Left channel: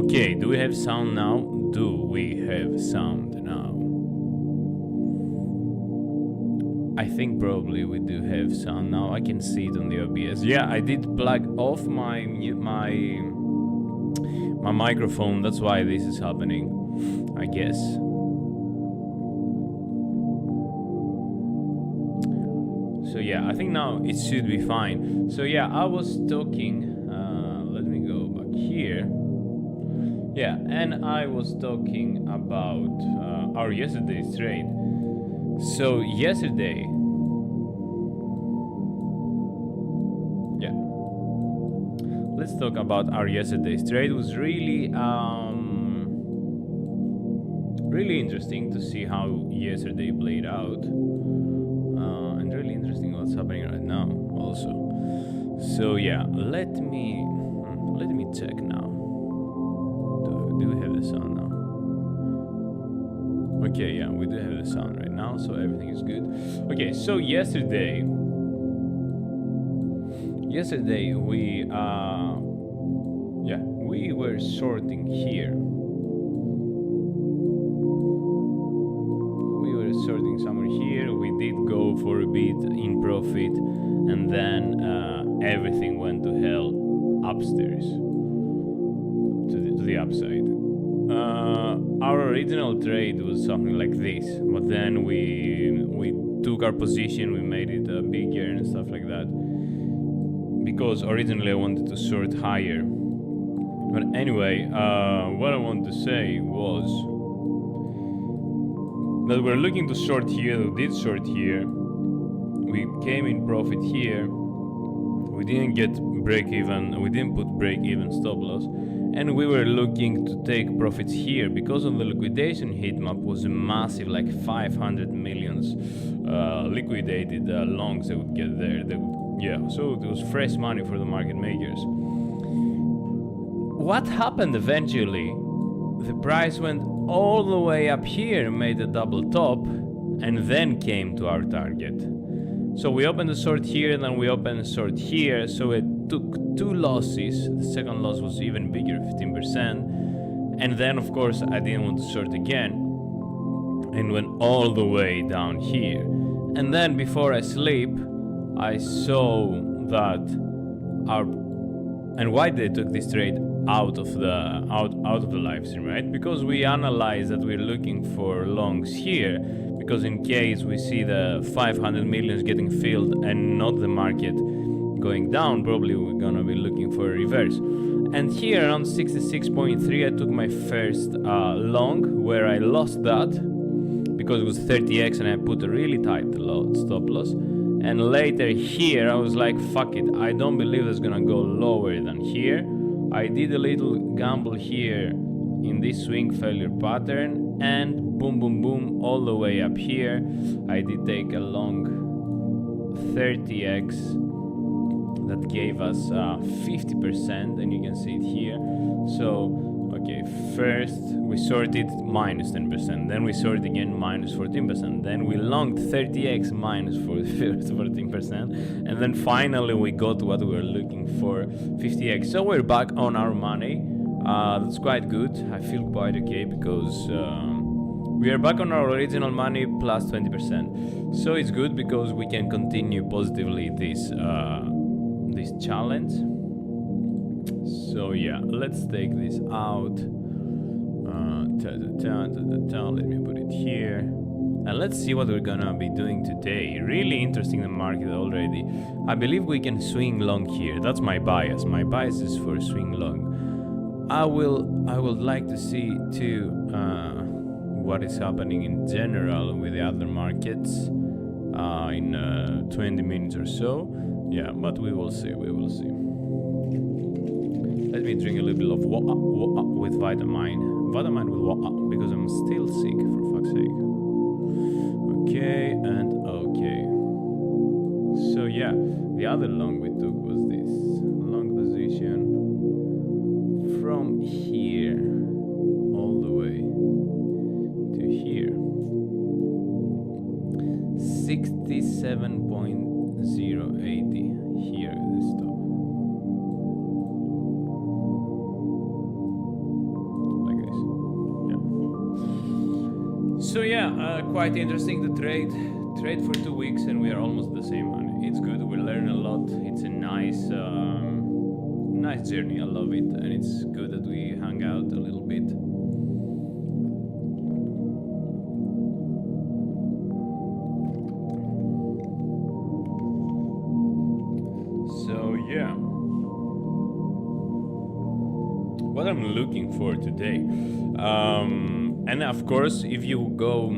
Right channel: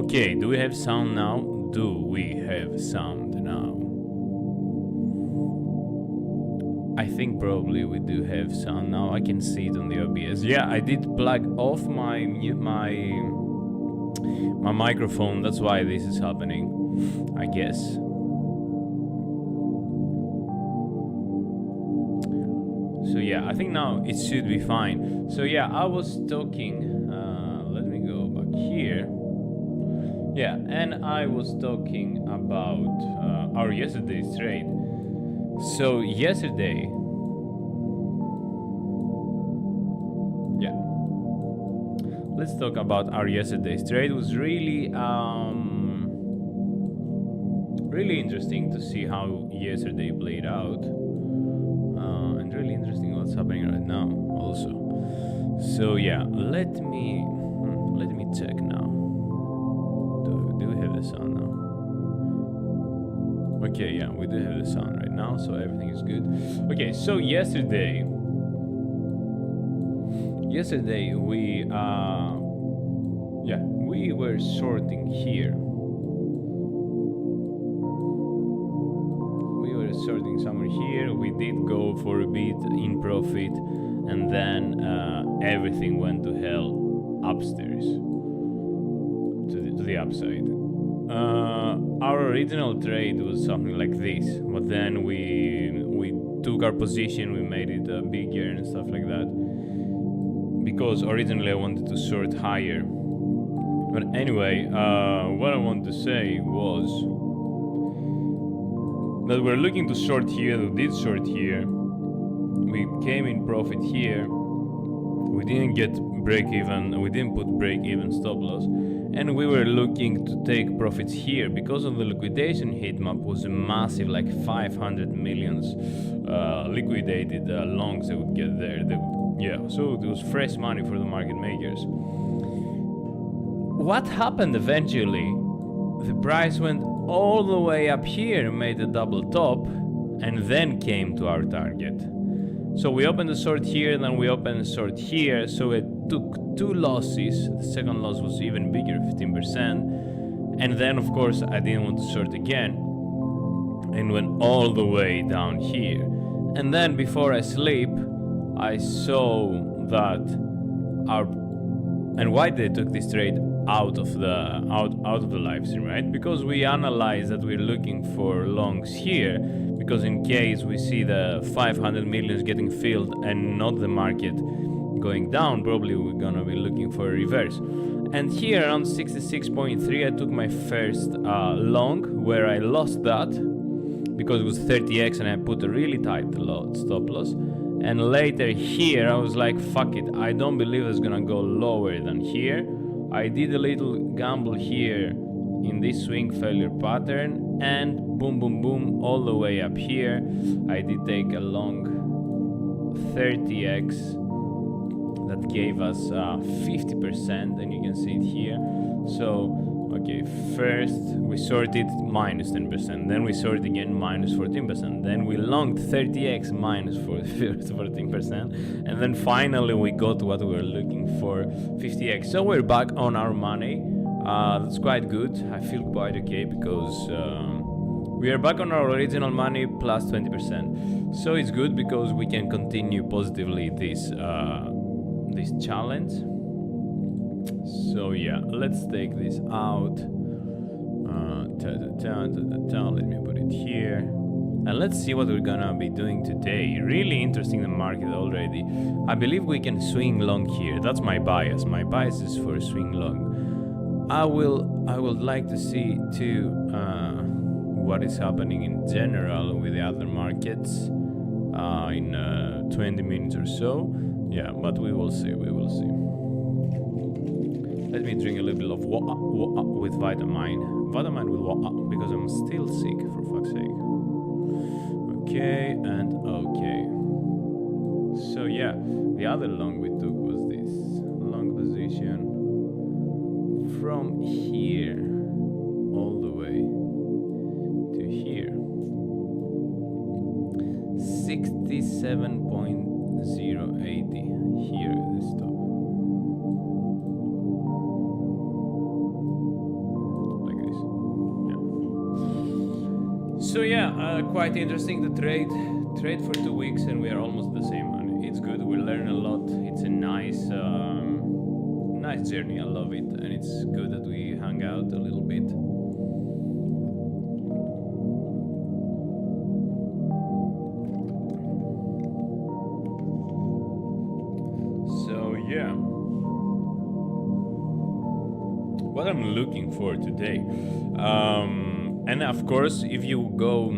Okay, do we have sound now? Do we have sound now? I think probably we do have sound now. I can see it on the OBS. Yeah, I did plug off my microphone. That's why this is happening, I guess. So yeah, I think now it should be fine. So yeah, I was talking. Let me go back here. Yeah, and I was talking about our yesterday's trade. So yesterday, yeah, let's talk about our yesterday's trade. It was really really interesting to see how yesterday played out, and really interesting what's happening right now also. So yeah, let me check now. Do we have the sound now? Okay, yeah, we do have the sound right now, so everything is good. Okay, so yesterday we we were sorting here. We were sorting somewhere here. We did go for a bit in profit, and then everything went to hell upstairs to the upside. Our original trade was something like this, but then we took our position, we made it bigger and stuff like that, because originally I wanted to sort higher. But anyway, what I wanted to say was that we're looking to short here. We did short here, we came in profit here, we didn't get break even, we didn't put break even stop loss, and we were looking to take profits here because of the liquidation heat map was massive, like 500 millions liquidated longs they would get there. So it was fresh money for the market makers. What happened eventually? The price went all the way up here, made a double top, and then came to our target. So we opened a short here, then we opened a short here, so it took two losses. The second loss was even bigger, 15%. And then of course I didn't want to short again, and went all the way down here. And then before I sleep, I saw that and why they took this trade out of the live stream, right? Because we analyzed that we're looking for longs here, because in case we see the 500 millions getting filled and not the market going down, probably we're gonna be looking for a reverse. And here around 66.3 I took my first long, where I lost that because it was 30x and I put a really tight stop loss. And later here I was like, fuck it, I don't believe it's gonna go lower than here. I did a little gamble here in this swing failure pattern, and boom boom boom all the way up here. I did take a long 30x that gave us 50%, and you can see it here. So okay, first we sorted minus 10%, then we sorted again minus 14%, then we longed 30x minus 14%, and then finally we got what we were looking for, 50x. So we're back on our money. That's quite good. I feel quite okay because we are back on our original money plus 20%. So it's good because we can continue positively this challenge. So yeah, let's take this out. Let me put it here. And let's see what we're gonna be doing today. Really interesting, the market already. I believe we can swing long here. That's my bias. My bias is for swing long. I would like to see too what is happening in general with the other markets in 20 minutes or so. Yeah, but we will see. We will see. Let me drink a little bit of water with vitamin. Vitamin with water, because I'm still sick, for fuck's sake. Okay, and okay. So yeah, the other long we took was this. Long position from here all the way to here. 67.080 here, the stop. So yeah, quite interesting. The trade for 2 weeks, and we are almost the same. And it's good. We learn a lot. It's a nice journey. I love it, and it's good that we hang out a little bit. So yeah, what I'm looking for today, and of course, if you go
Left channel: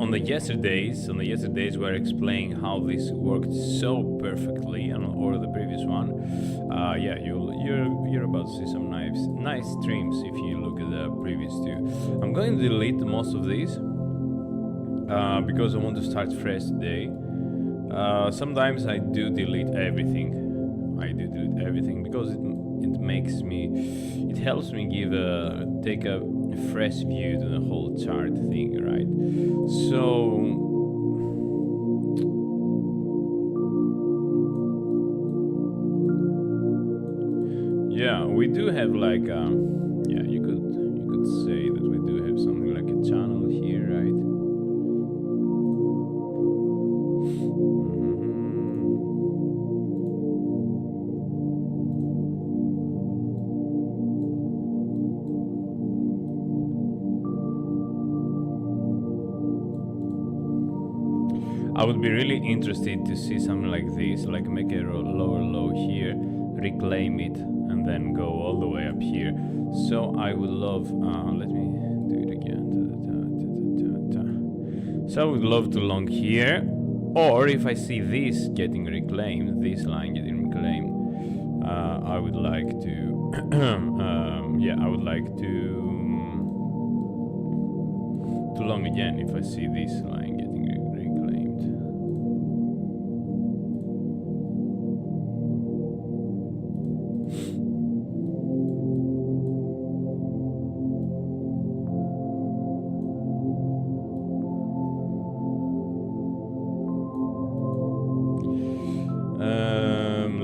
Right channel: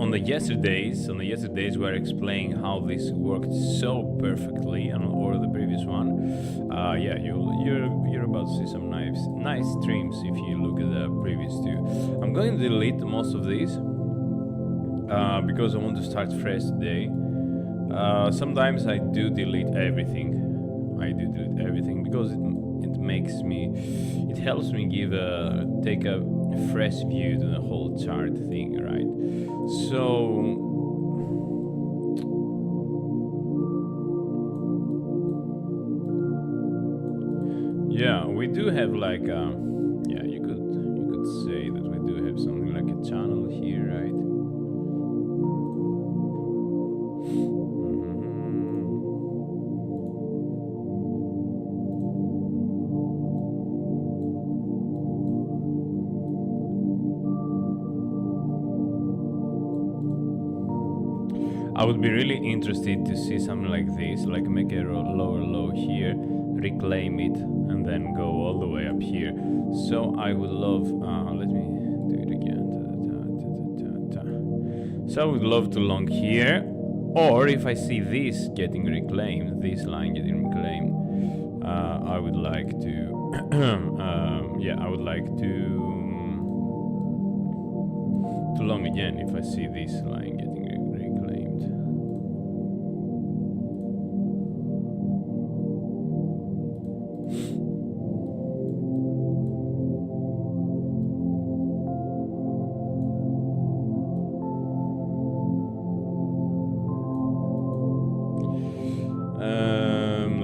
on the yesterdays, we're explaining how this worked so perfectly, or the previous one. Yeah, you're about to see some nice streams if you look at the previous two. I'm going to delete most of these because I want to start fresh today. Sometimes I do delete everything. Because it helps me take a fresh view to the whole chart thing, right? So yeah, we do have like yeah, you could say that we do have something like a channel here, right? I would be really interested to see something like this, like make a lower low here, reclaim it, and then go all the way up here. So I would love, let me do it again. So I would love to long here, or if I see this getting reclaimed, this line getting reclaimed, I would like to, yeah, I would like to long again if I see this line getting reclaimed.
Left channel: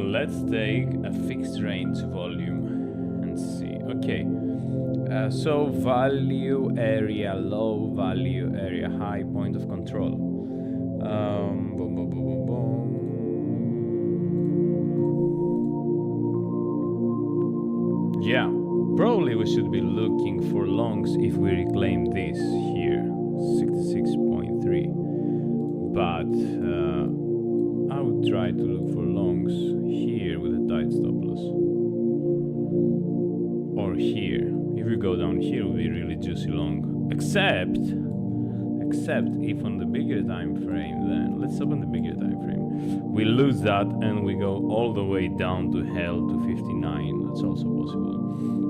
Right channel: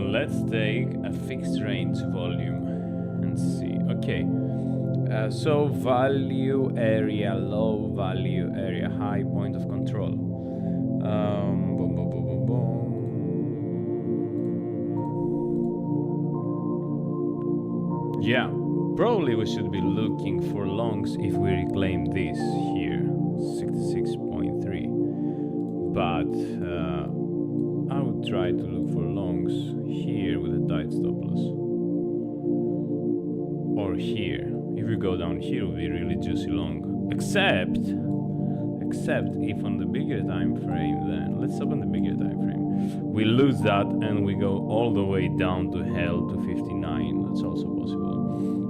Let's take a fixed range volume and see. Okay, so value area, low value area, high point of control. Boom, boom, boom, boom, boom. Yeah, probably we should be looking for longs if we reclaim this here, 66.3. But I would try to look for longs here with a tight stop loss, or here. If we go down here, it will be really juicy long. Except if on the bigger time frame, then let's open the bigger time frame. We lose that and we go all the way down to hell to 59. That's also possible,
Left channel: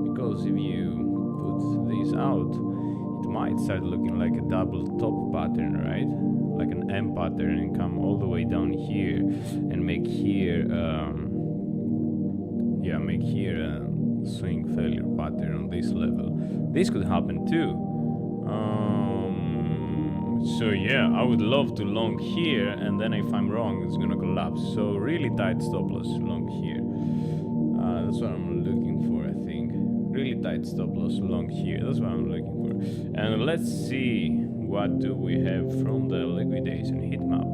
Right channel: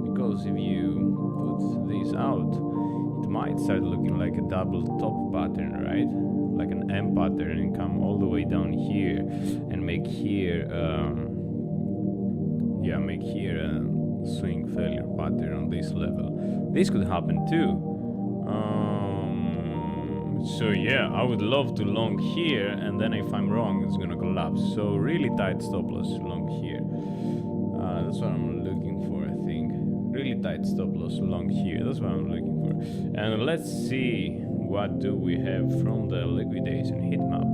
because if you put this out, it might start looking like a double top pattern, right? Like an M pattern, and come all the way down here and make here make here a swing failure pattern on this level. This could happen too. So yeah, I would love to long here, and then if I'm wrong, it's gonna collapse. So really tight stop loss long here. That's what I'm looking for, I think. Really tight stop loss long here. That's what I'm looking for. And let's see what do we have from the liquidation. Heat map.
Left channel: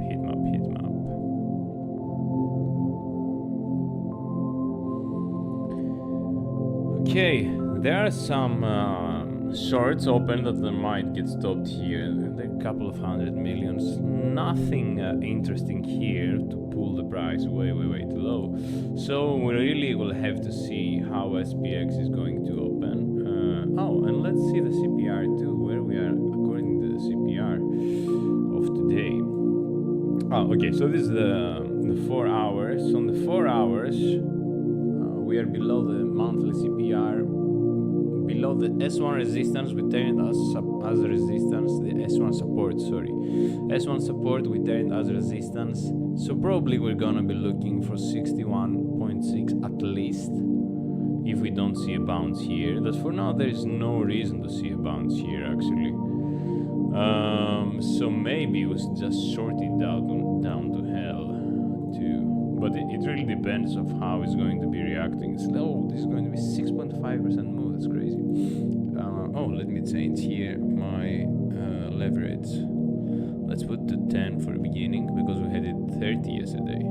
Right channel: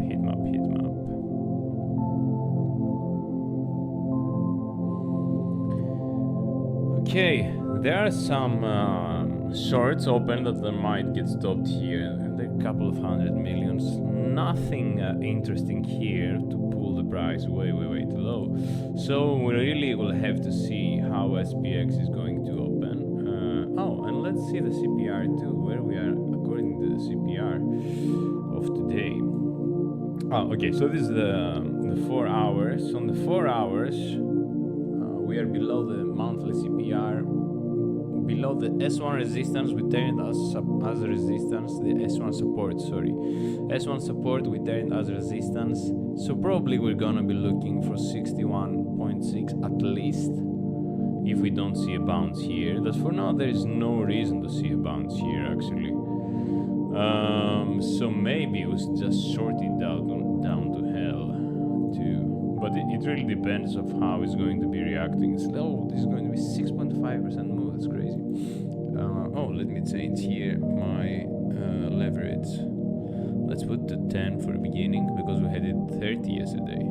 Okay, there are some shorts open that might get stopped here. There are a couple of 100 millions. Nothing interesting here to pull the price way too low. So we really will have to see how SPX is going to open. Oh, and let's see the CPR too, where we are according to the CPR of today. Oh, okay, so this is the 4 hours. On the 4 hours, we are below the monthly CPR, below the S1 resistance. We turned as a resistance, the S1 support, sorry. S1 support we turned as resistance. So probably we're gonna be looking for 61.6 at least, if we don't see a bounce here. That for now there is no reason to see a bounce here actually. So maybe we should just short it down to hell too. But it really depends of how it's going to be reacting. Oh, this is going to be 6.5% move. That's crazy. Oh, let me change here my leverage. Let's put to 10 for the beginning, because we had it 30 yesterday.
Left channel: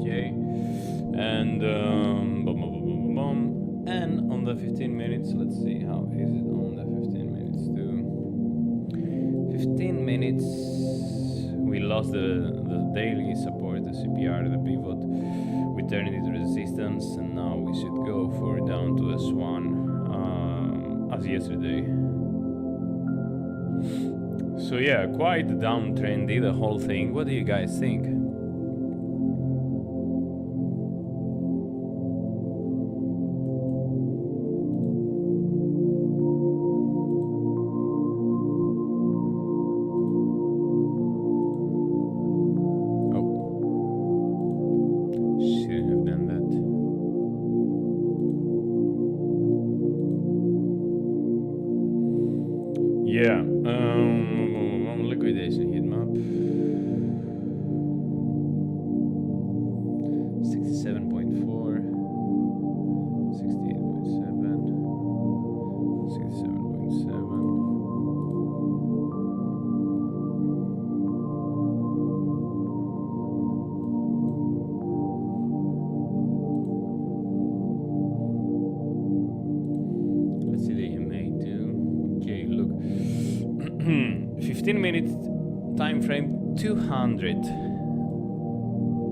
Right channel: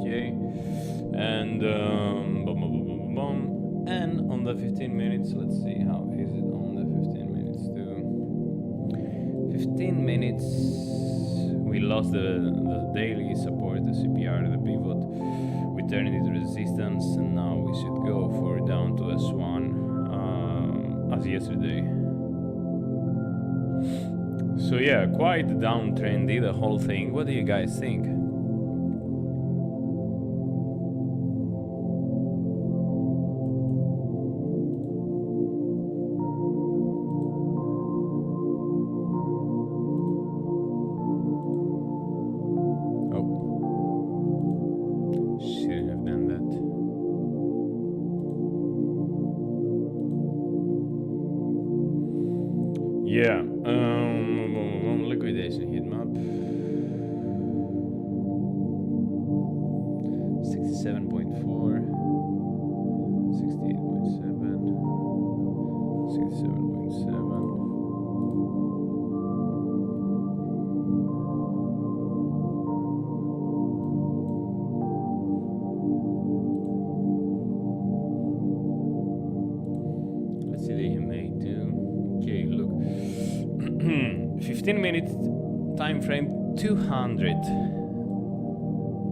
Okay, and and on the 15 minutes, let's see how is it on the 15 minutes too. 15 minutes, we lost the daily support, the CPR, the pivot. We turned it into resistance, and now we should go for down to S1 as yesterday. So yeah, quite downtrendy the whole thing. What do you guys think? Yeah, liquidation heat map. 67.4, 68.7, 67.7. Let's see the EMA too. Okay, look. 15 minutes time frame, 200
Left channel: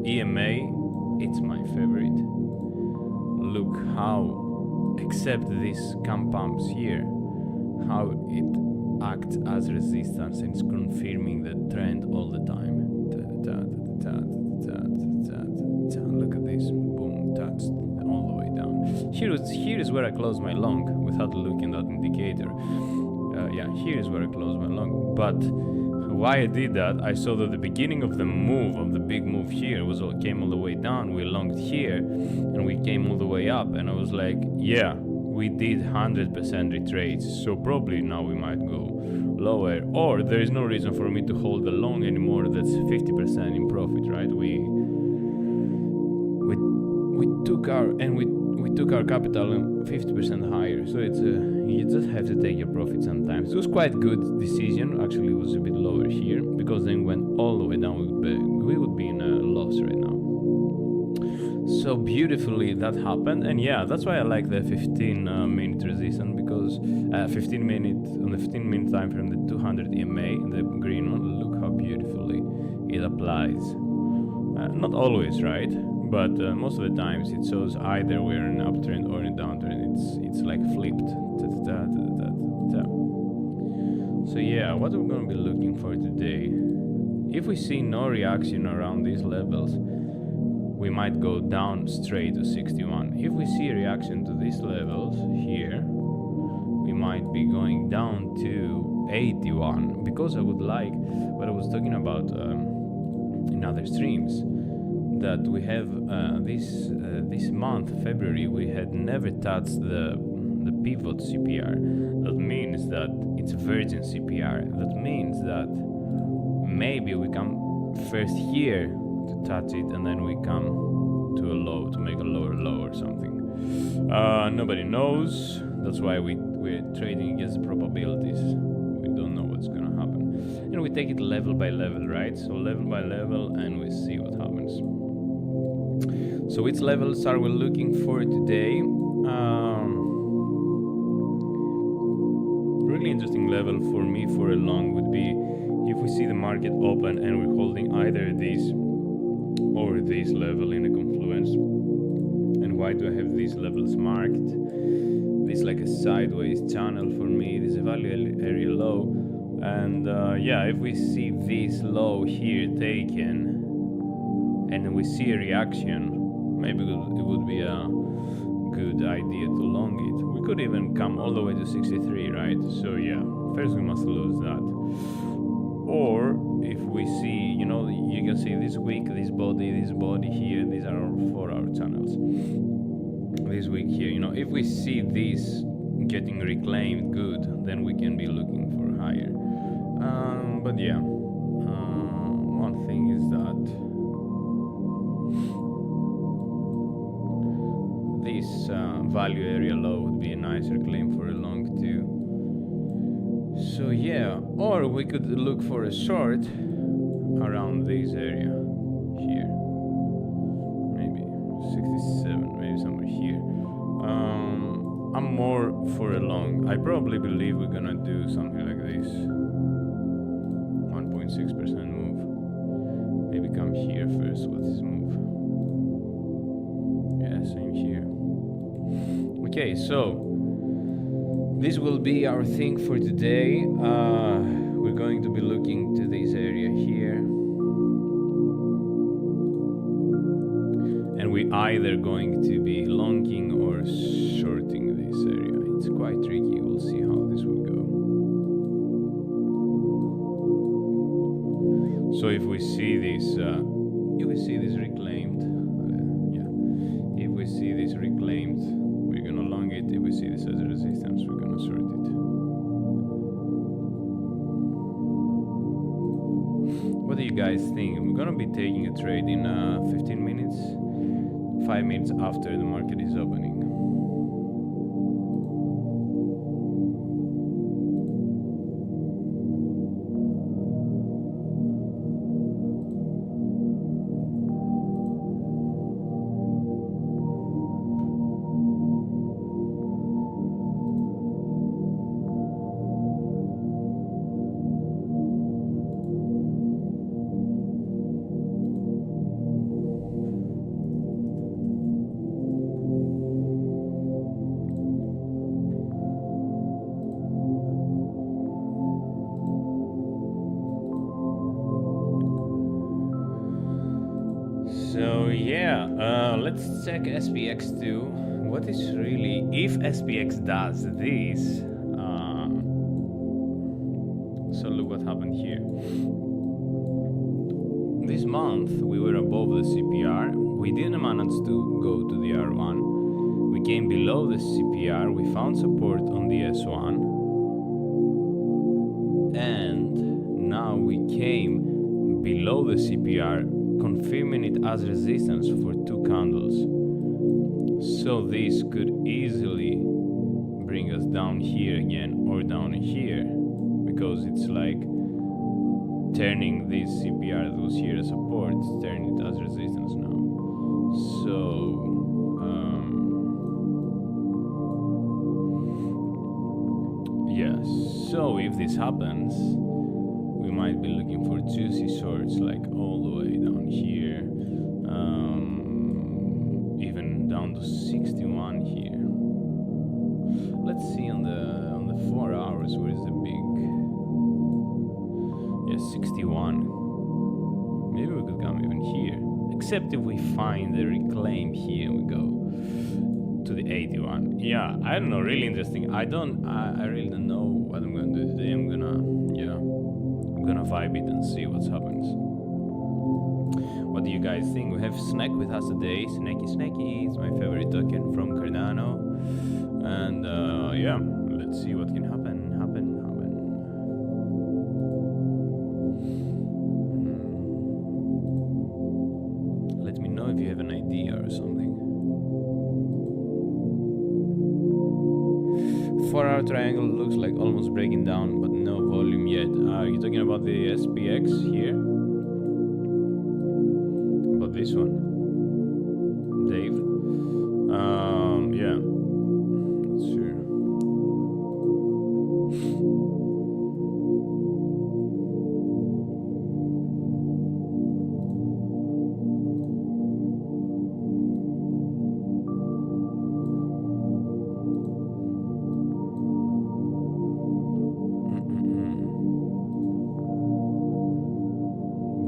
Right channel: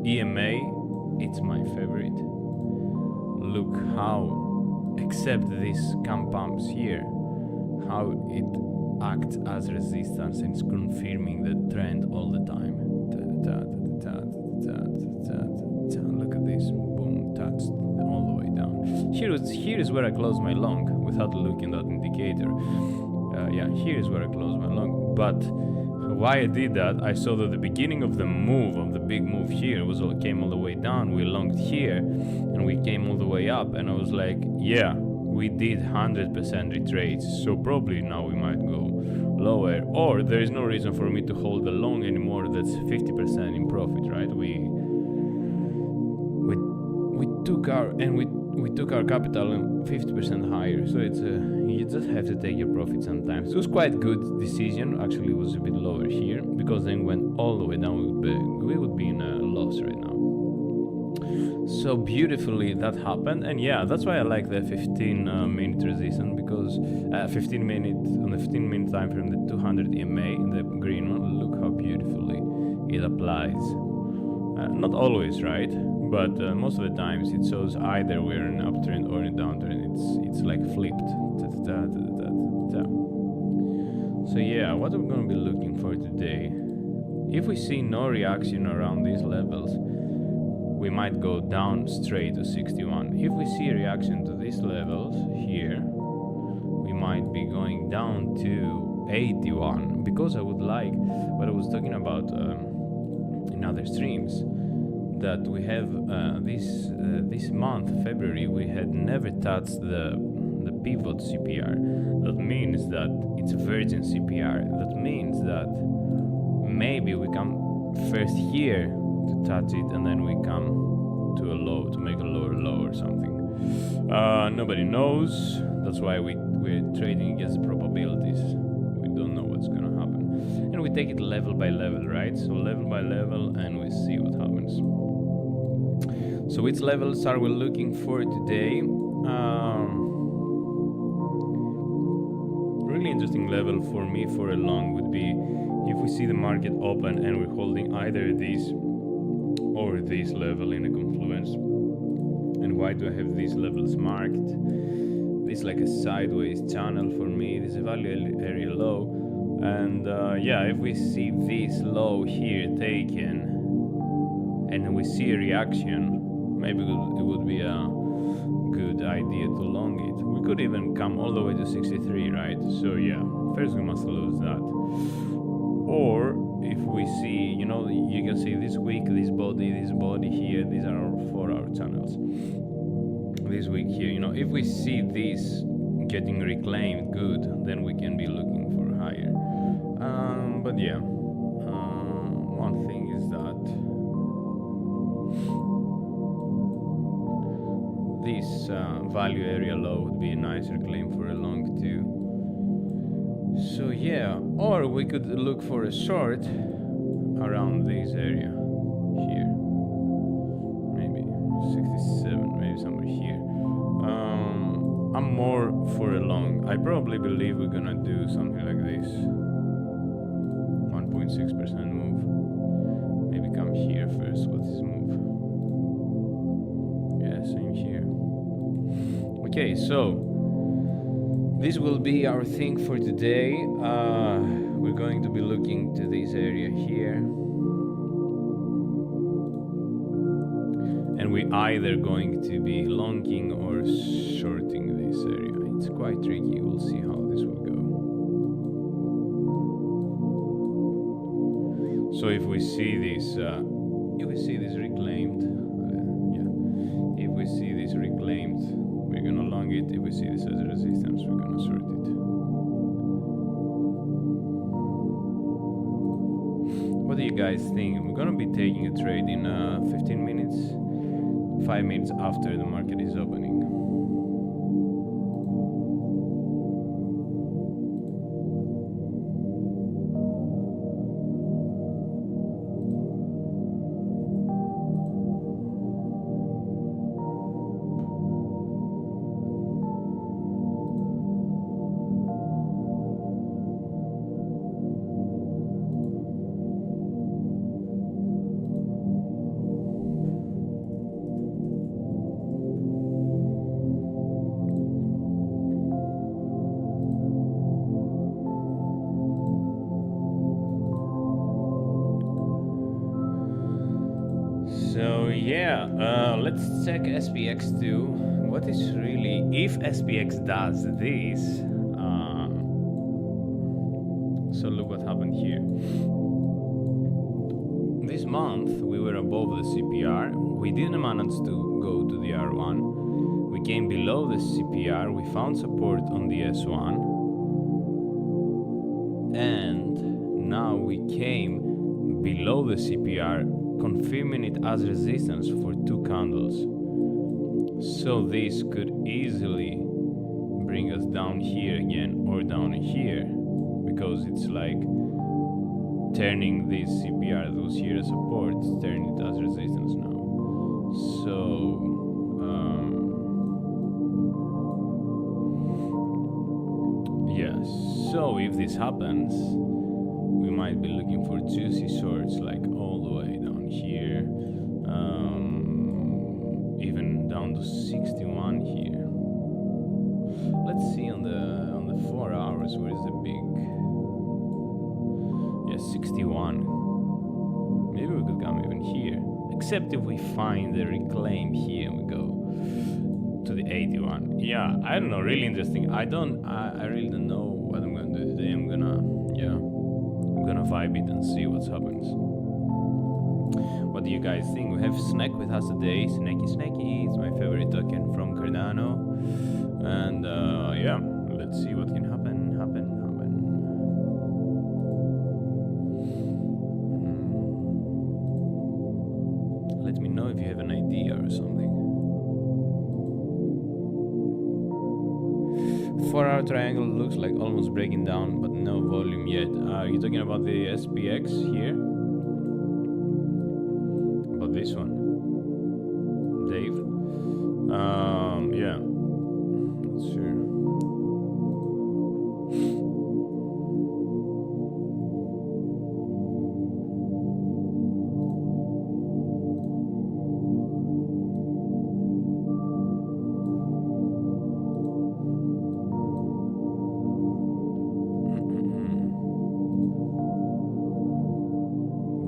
EMA. It's my favorite. Look how, except these cam pumps here, how it acts as resistance and it's confirming the trend all the time. Look at this, boom, touched all the way down. Here is where I close my long without looking at that indicator. Yeah, here is where I close my long. But why I did that, I saw that the beginning of the move, of the big move here, came all the way down. We longed here, and we came all the way up. And I was like, yeah, we did 100% retrace. So probably now we might go lower. Or there is no reason for me to hold the long anymore. That's 50% in profit, right? We took our capital 50% higher, so it's you just have to take your profit sometimes. It was quite a good decision. Actually, it was a bit lower here, because then went all the way down. We would be in a loss right now. So beautifully that happened, and yeah, that's why I like the 15-minute resistance, because 15 minute on the 15-minute time frame, the 200 EMA, the green one. Look how beautifully it applies. Not always, right? But most of the times it shows either we're in an uptrend or in a downtrend. It's like flipped. So yeah, what we're gonna be looking for today, if we see no reaction around these levels, we might go down straight to 61. If we see a reaction to these levels here, we might be going down to 81, because I would like what I was talking about in other streams, that we have this month, February, we had never touched the pivot CPR. That means that it's virgin CPR. That means that maybe we come first here to touch it, and then we come to a low, to make a lower low or something. Nobody knows. That's why we're trading against the probabilities. We don't know what's gonna happen, and we take it level by level, right? So level by level, and we see what happens. So which levels are we looking for today? Really interesting level for me for a long would be if we see the market open and we're holding either this or this level in a confluence. And why do I have these levels marked? This is like a sideways channel for me. This is a value area low, and yeah, if we see this low here taken and we see a reaction, maybe it would be a good idea to long it. We could even come all the way to 63, right? So yeah, first we must lose that. Or if we see, you know, you can see this week, this body here, these are our 4-hour channels. This week here, you know, if we see this getting reclaimed good, then we can be looking for higher. But yeah, one thing is that this value area low would be a nice reclaim for a long too. So yeah, or we could look for a short around this area here, maybe 67, maybe somewhere here. I'm more for a long. I probably believe we're gonna do something like this, 1.6% move. Maybe come here first. What's this move? Yeah, same here. Okay, so this will be our thing for today. We're going to be looking to this area here, and we're either going to be longing or shorting this area. It's quite tricky. We'll see how this will go. So if we see this reclaimed, if we see this reclaimed, we're gonna long it. If we see this as a resistance, we're gonna short it. What do you guys think? We're gonna be taking a trade in 15 minutes, 5 minutes after the market is opening. So yeah, let's check SPX too. What is really, if SPX does this, so look what happened here. This month we were above the CPR. We didn't manage to go to the R1. We came below the CPR. We found support on the S1, and now we came below the CPR, confirming it as resistance for 2 candles. So this could easily bring us down here again or down here, because it's like turning this CPR that was here as support, turning it as resistance now. So yes, so if this happens, we might be looking for juicy shorts like all the way down here, even down to 61 here. Let's see on the 4 hours, where is the big, 61. Maybe we could come even here, except if we find the reclaim here and we go to the 81. Yeah, I don't know, really interesting. I really don't know what I'm gonna do today. I'm gonna vibe it and see what happens. What do you guys think? We have Snack with us today. Snacky is my favorite token from Cardano, and let's see what can happen. Let me know if you have an idea or something. 4-hour triangle looks like almost breaking down, but no volume yet. Are you talking about the SPX here? About this one? Dave? Yeah. Not sure.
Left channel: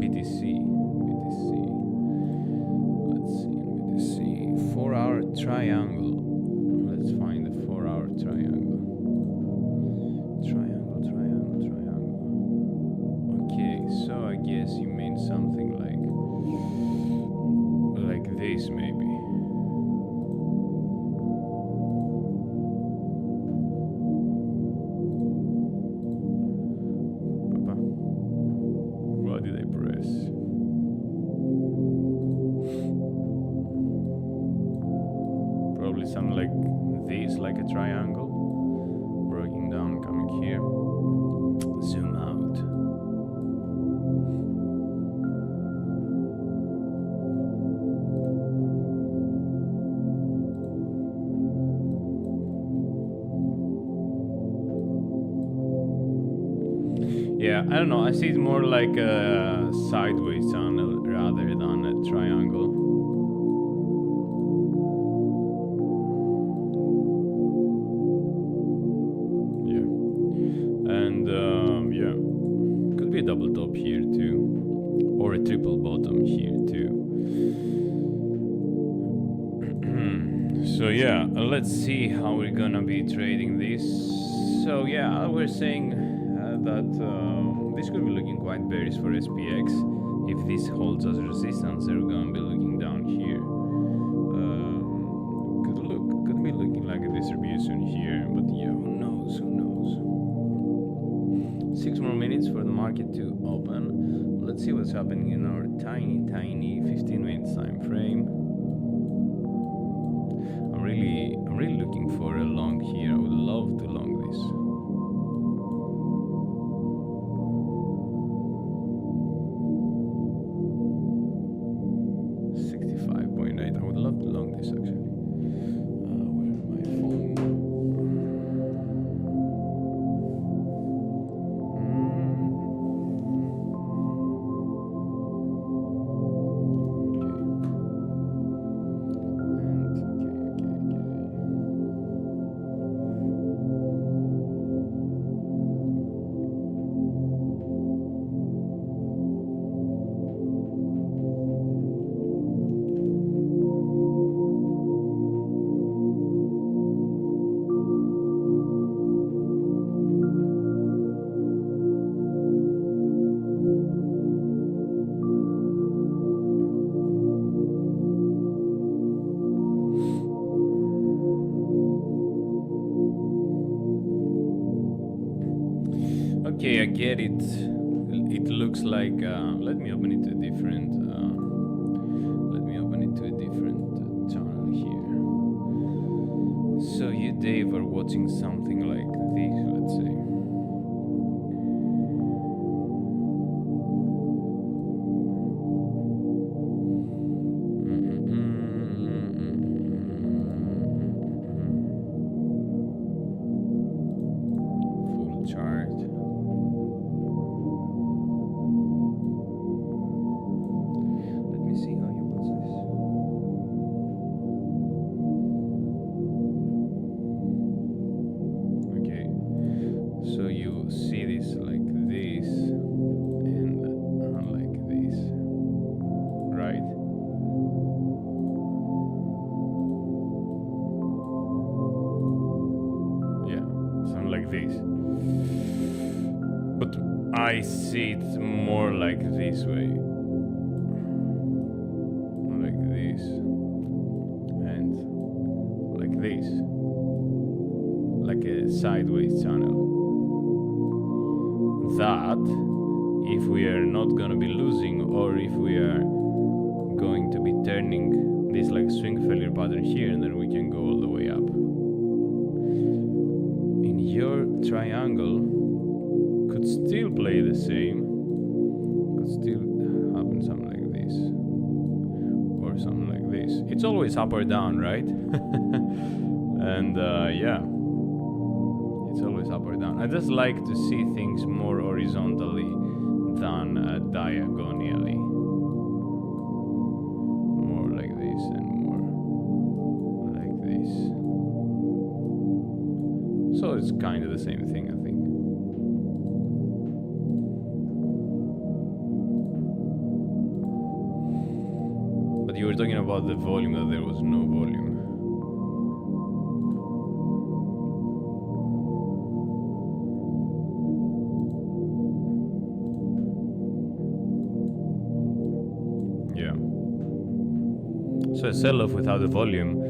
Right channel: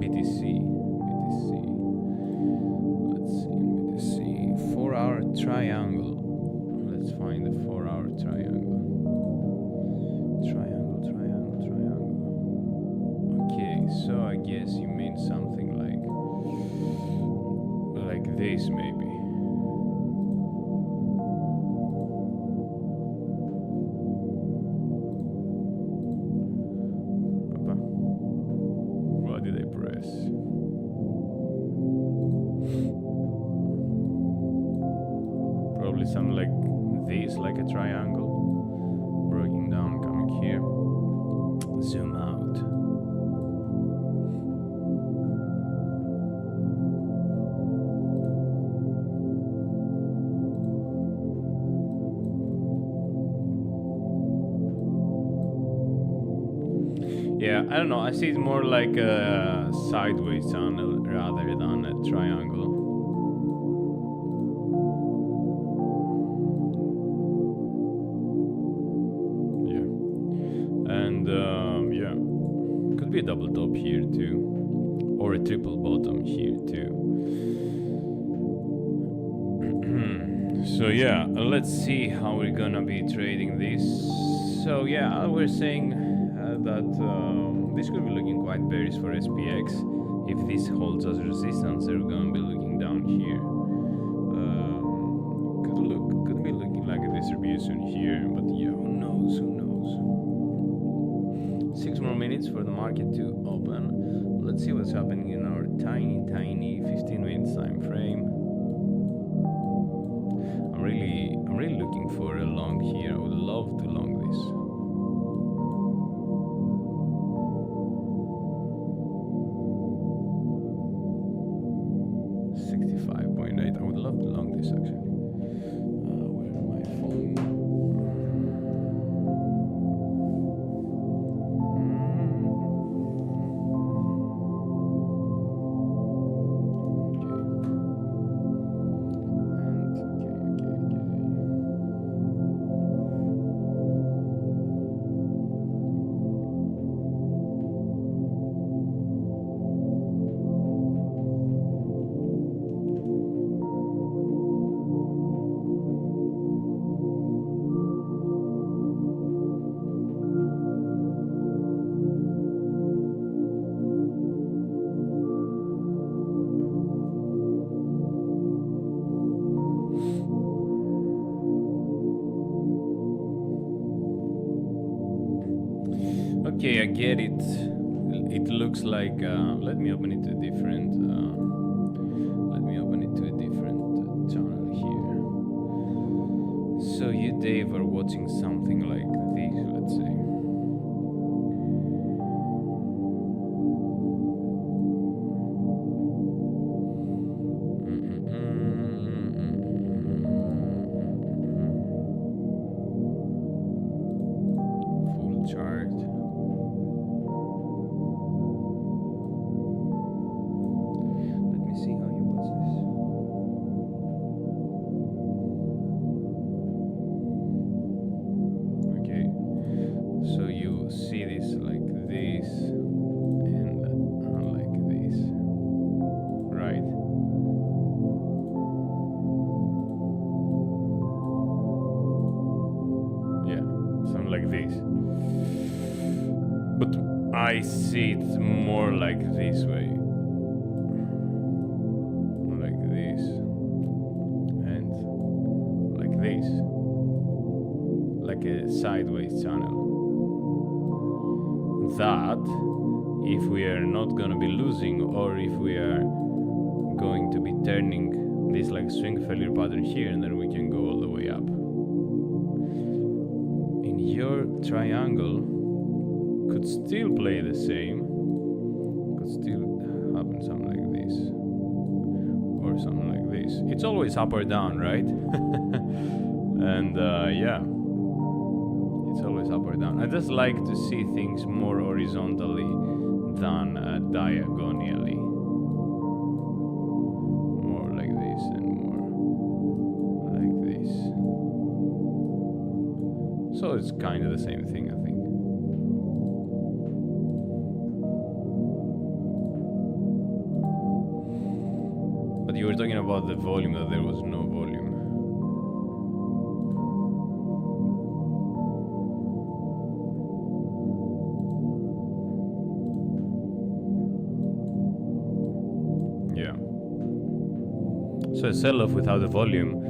BTC. Let's see, BTC. 4-hour triangle. Let's find the 4-hour triangle. Triangle. Okay, so I guess you mean something like this, maybe. What did I press? Probably probably something like this, like a triangle. Breaking down, coming here. Zoom out. Yeah, I don't know. I see it more like a sideways tunnel rather than a triangle. Yeah. And yeah, could be a double top here too, or a triple bottom here too. So yeah, let's see how we're gonna be trading this. So yeah, we're saying that this could be looking quite bearish for SPX. If this holds as resistance, they're gonna be looking down here. Could be looking like a distribution here, but yeah, who knows? 6 more minutes for the market to open. Let's see what's happening in our tiny 15 minutes time frame. I'm really looking for a long here. I would love to long this. I would love to long this actually. Where my phone? Okay, I get it. It looks like let me open it to a different channel here. So you, Dave, are watching something like this, let's say. Full chart. So you see this like this and like this, right? Yeah, something like this. But I see it more like this way. Like this. And like this. Like a sideways channel. That if we are not gonna be losing, or if we are going to be turning this like swing failure pattern here, and then we can go all the way up. In your triangle could still play the same, could still happen something like this or something like this. It's always up or down, right? And yeah, it's always up or down. I just like to see things more horizontally than diagonally. More like this and more like this. So it's kind of the same thing, I think. But you were talking about the volume, that there was no volume. Yeah. So a sell-off without a volume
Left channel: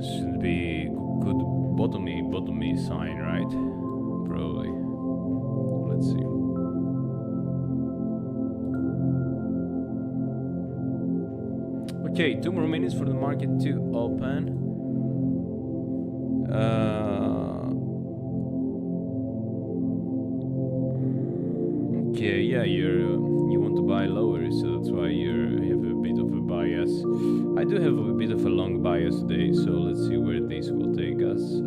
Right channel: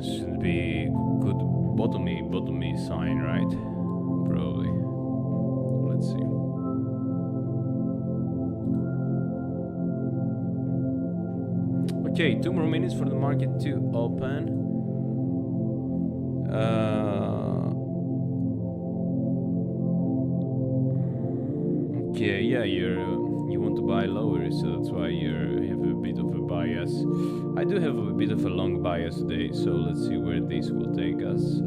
should be good bottomy sign, right? Probably. Let's see. Okay, 2 more minutes for the market to open. Okay, yeah, you want to buy lower, so that's why you have a bit of a bias. I do have a bit of a long bias today, so let's see where this will take us.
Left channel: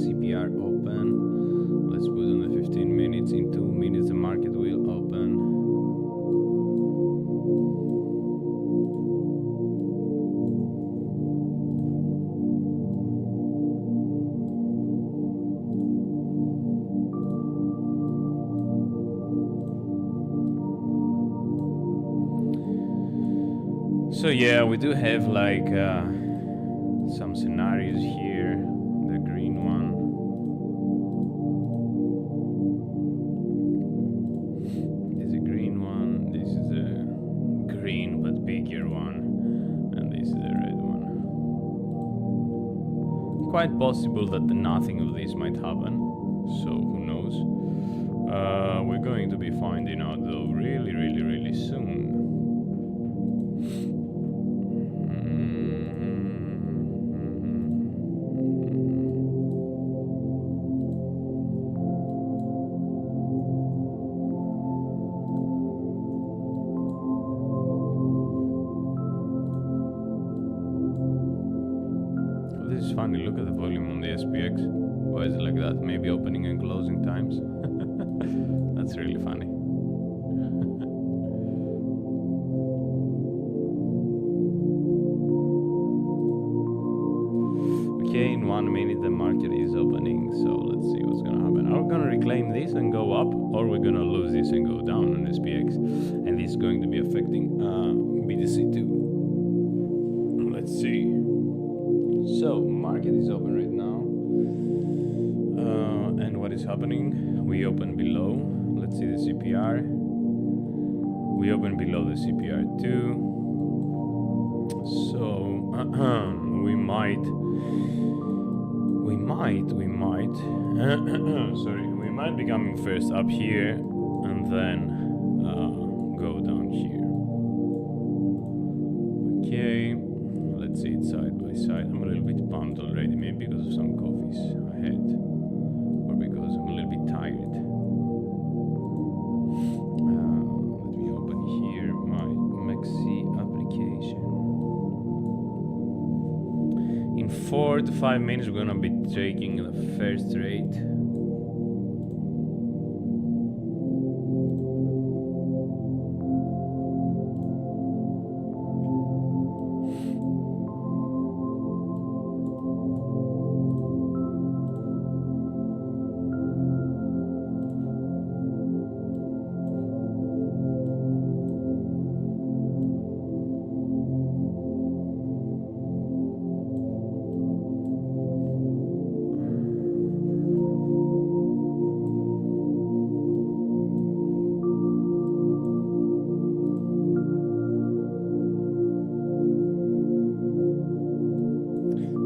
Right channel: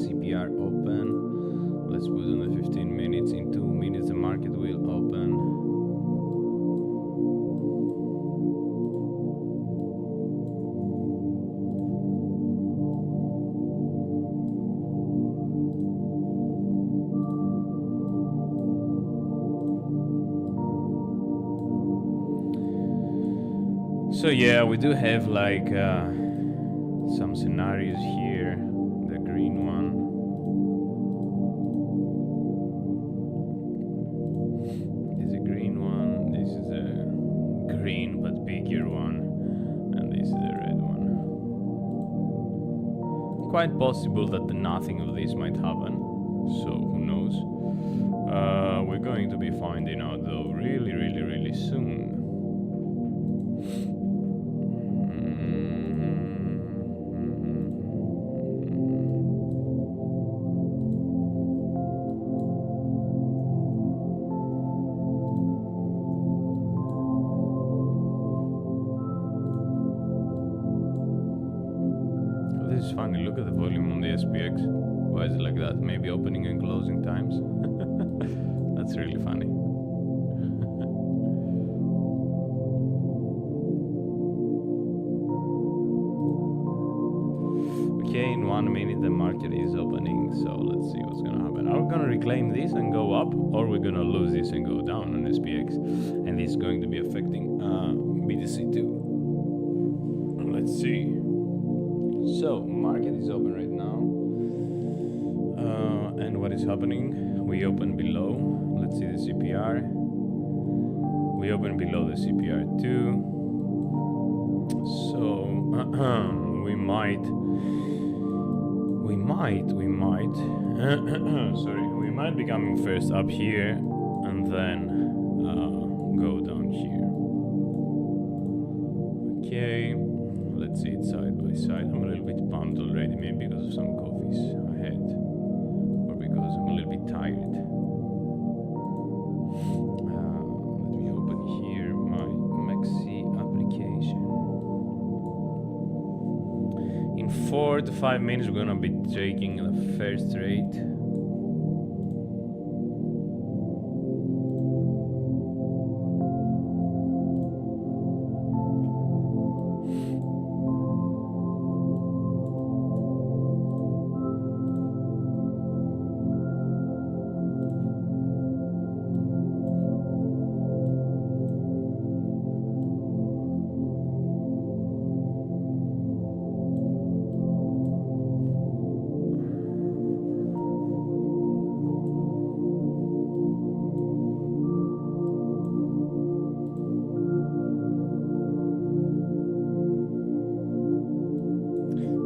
CPR open. Let's put on the 15 minutes. In 2 minutes, the market will open. So yeah, we do have like some scenarios here. The green one. This is a green one. This is a green but bigger one, and this is a red one. Quite possible that nothing of this might happen. So who knows? We're going to be finding out though really soon. This is funny, look at the volume on the SPX. Why is it like that? Maybe opening and closing times? That's really funny. Okay, in 1 minute the market is opening, so let's see what's gonna happen. Are we gonna reclaim this and go up, or we're gonna lose this and go down on SPX? And this is going to be affecting BTC too. Let's see. So, market is open right now. And what is happening? We open below. Let's see the CPR. We open below the CPR too. So, we might sorry, we might be coming first up here and then go down here. Okay, let's see it side by side. I'm a little bit pumped already, maybe because of some coffees I had, or because I'm a little bit tired. Let me open here my MEXC application. In 4 to 5 minutes, we're gonna be taking the first trade.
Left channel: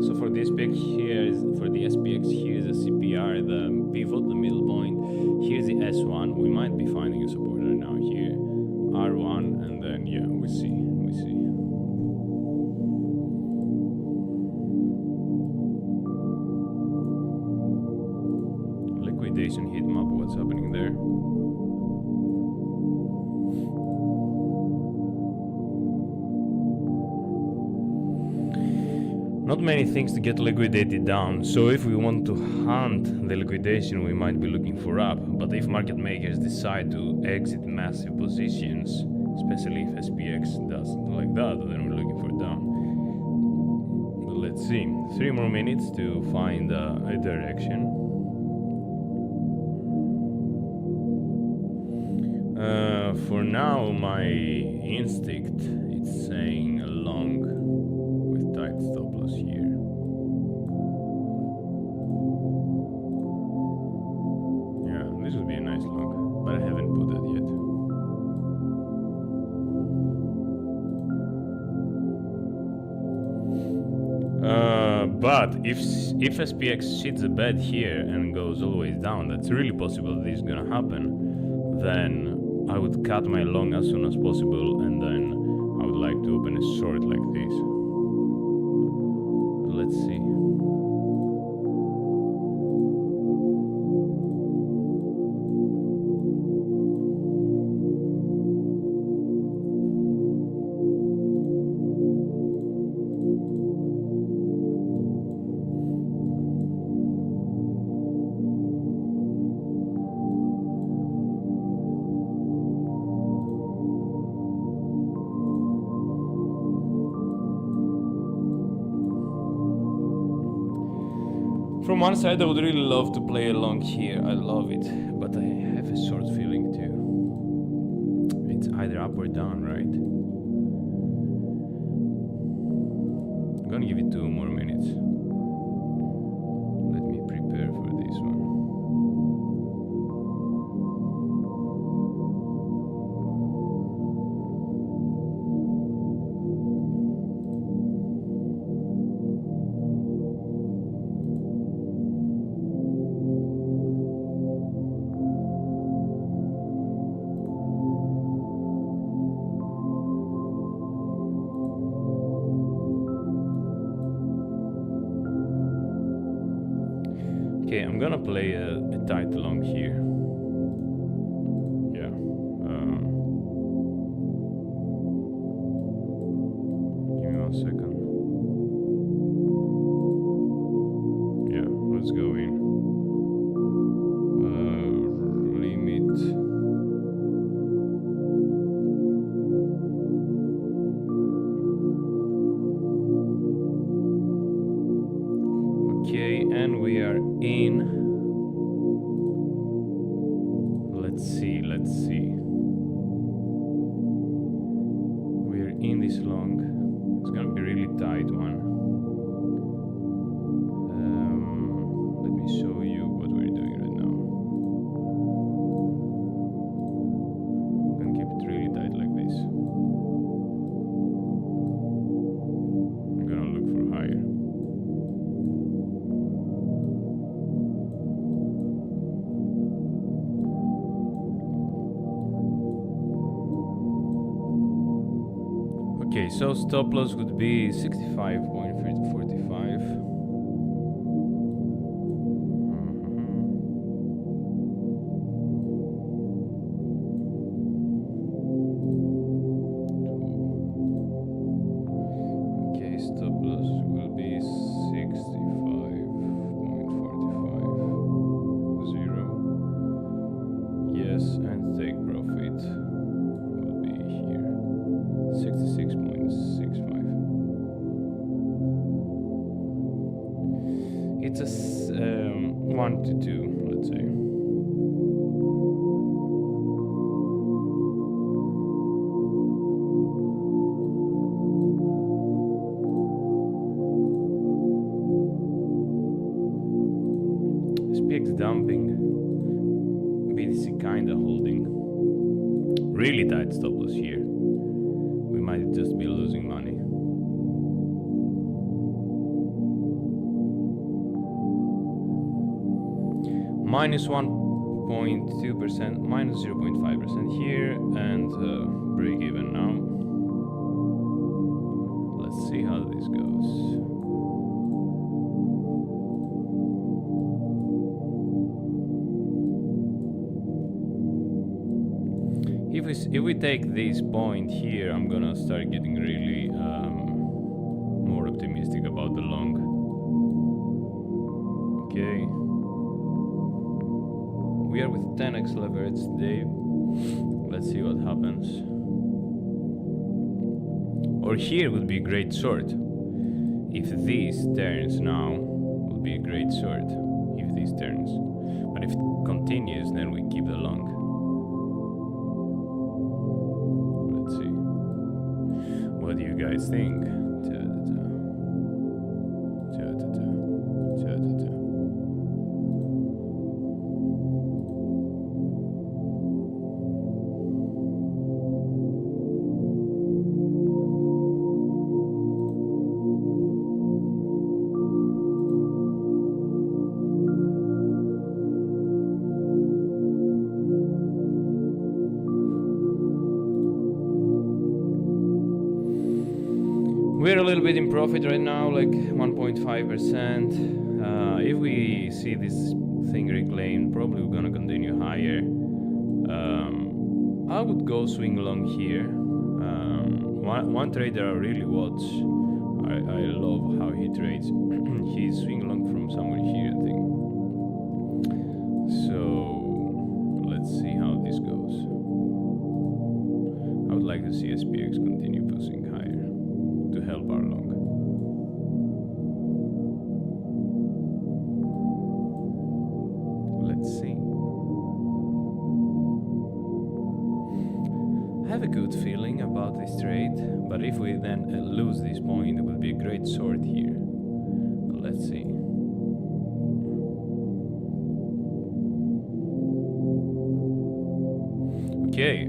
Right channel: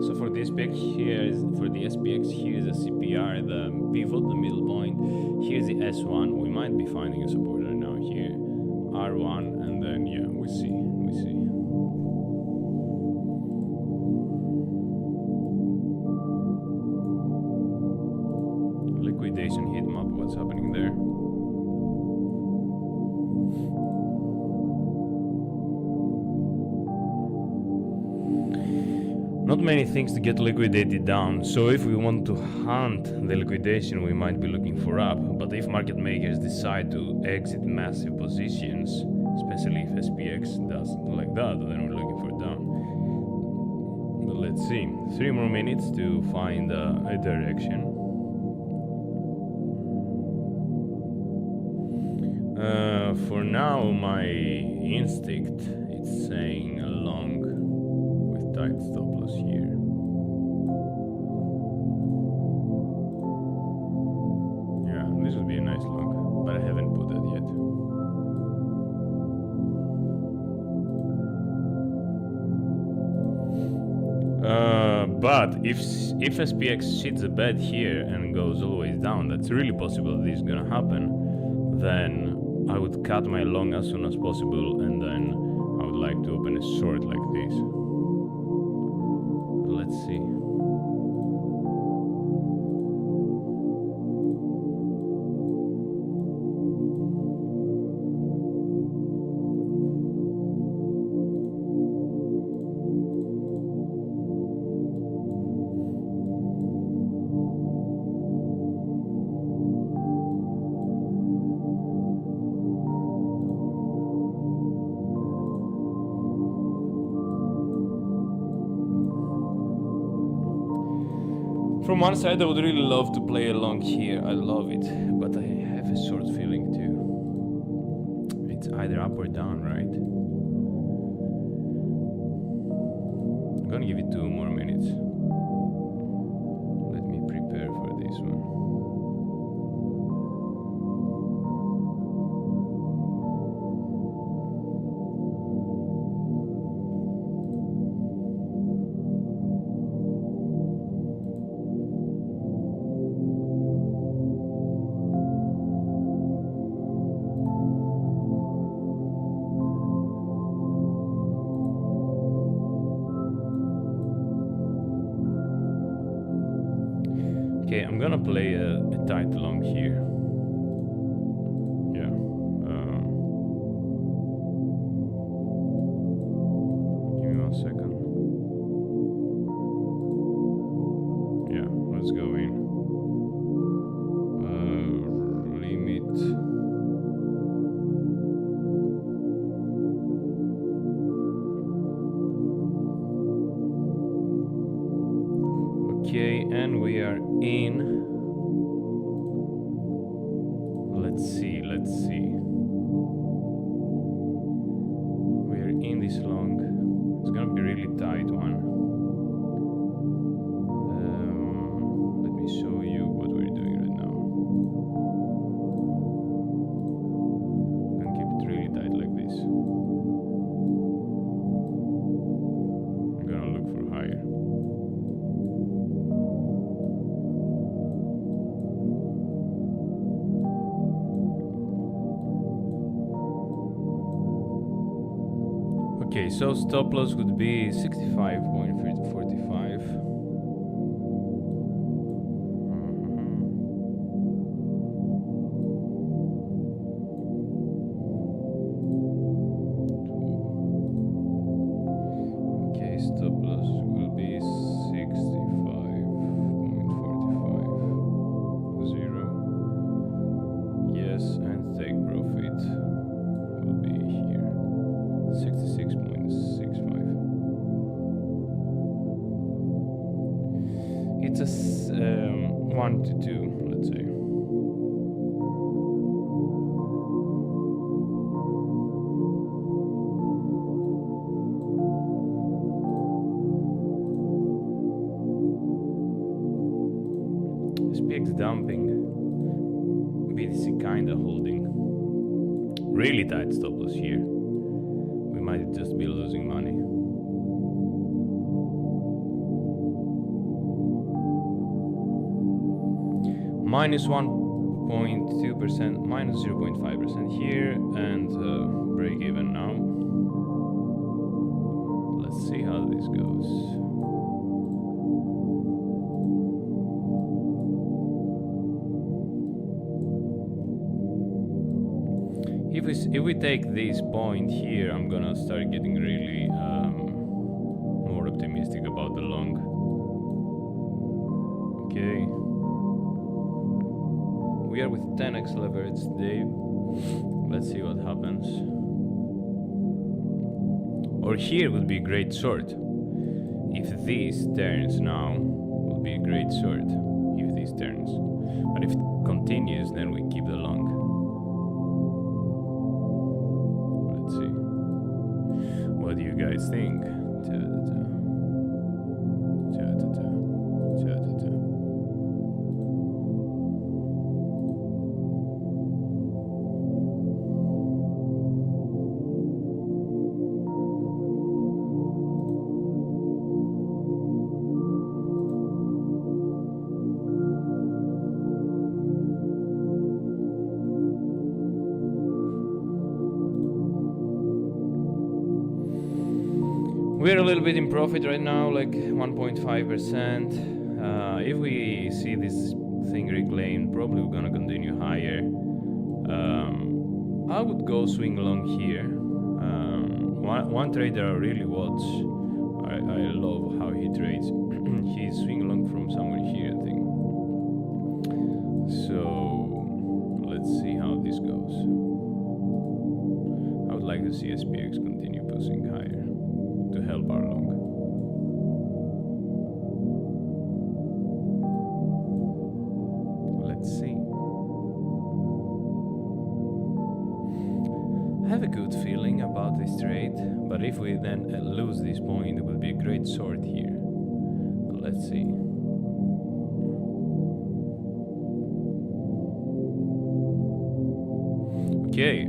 So for the SPX here is a CPR, the pivot, the middle point. Here's the S1. We might be finding a supporter now here, R1, and then yeah, we see. Liquidation heat map. What's happening there? Not many things to get liquidated down, so if we want to hunt the liquidation, we might be looking for up. But if market makers decide to exit massive positions, especially if SPX does like that, then we're looking for down. But let's see. 3 more minutes to find a direction. For now, my instinct is saying a long with tight stop loss here. Yeah, this would be a nice long, but I haven't put it yet. But if SPX hits the bed here and goes always down, that's really possible this is gonna happen. Then I would cut my long as soon as possible, and then I would like to open a short like this. Let's see. From one side, I would really love to play along here. I love it, but I have a short feeling too. It's either up or down, right? I'm gonna give it 2 more minutes. Let me prepare for this one. Okay, I'm gonna play a tight long here. Yeah. Give me 1 second. Yeah, let's go in. Limit. Okay, and we are in. Let's see. We're in this long. It's gonna be really tight one. Let me show you what we're doing right now. I'm gonna keep it really tight like this. I'm gonna look for higher. Okay, so stop loss would be 65.45. Okay, stop loss will be 65.45. 0. Yes, and take profit will be here. 66.65. It's a 1 to 2, let's say. SPX dumping, BTC kinda holding. Really tight stop loss here. We might just be losing money. Minus 1.2%, minus 0.5% here, and break even now. Let's see how this goes. If we take this point here, I'm gonna start getting really more optimistic about the long. Okay. We are with 10x leverage today. Let's see what happens. Or here would be a great short. If this turns now, would be a great short. If this turns. But if it continues, then we keep the long. Let's see. What do you guys think? We're a little bit in profit right now, like 1.5%. If we see this thing reclaimed, probably we're gonna continue higher. I would go swing long here. One trader I really watch, I love how he trades. He's swing long from somewhere here, I think. So let's see how this goes. I would like to see SPX continue pushing higher to help our long. Let's see. I have a good feeling about this trade, but if we then lose this point, it will be a great short here. But let's see. Okay,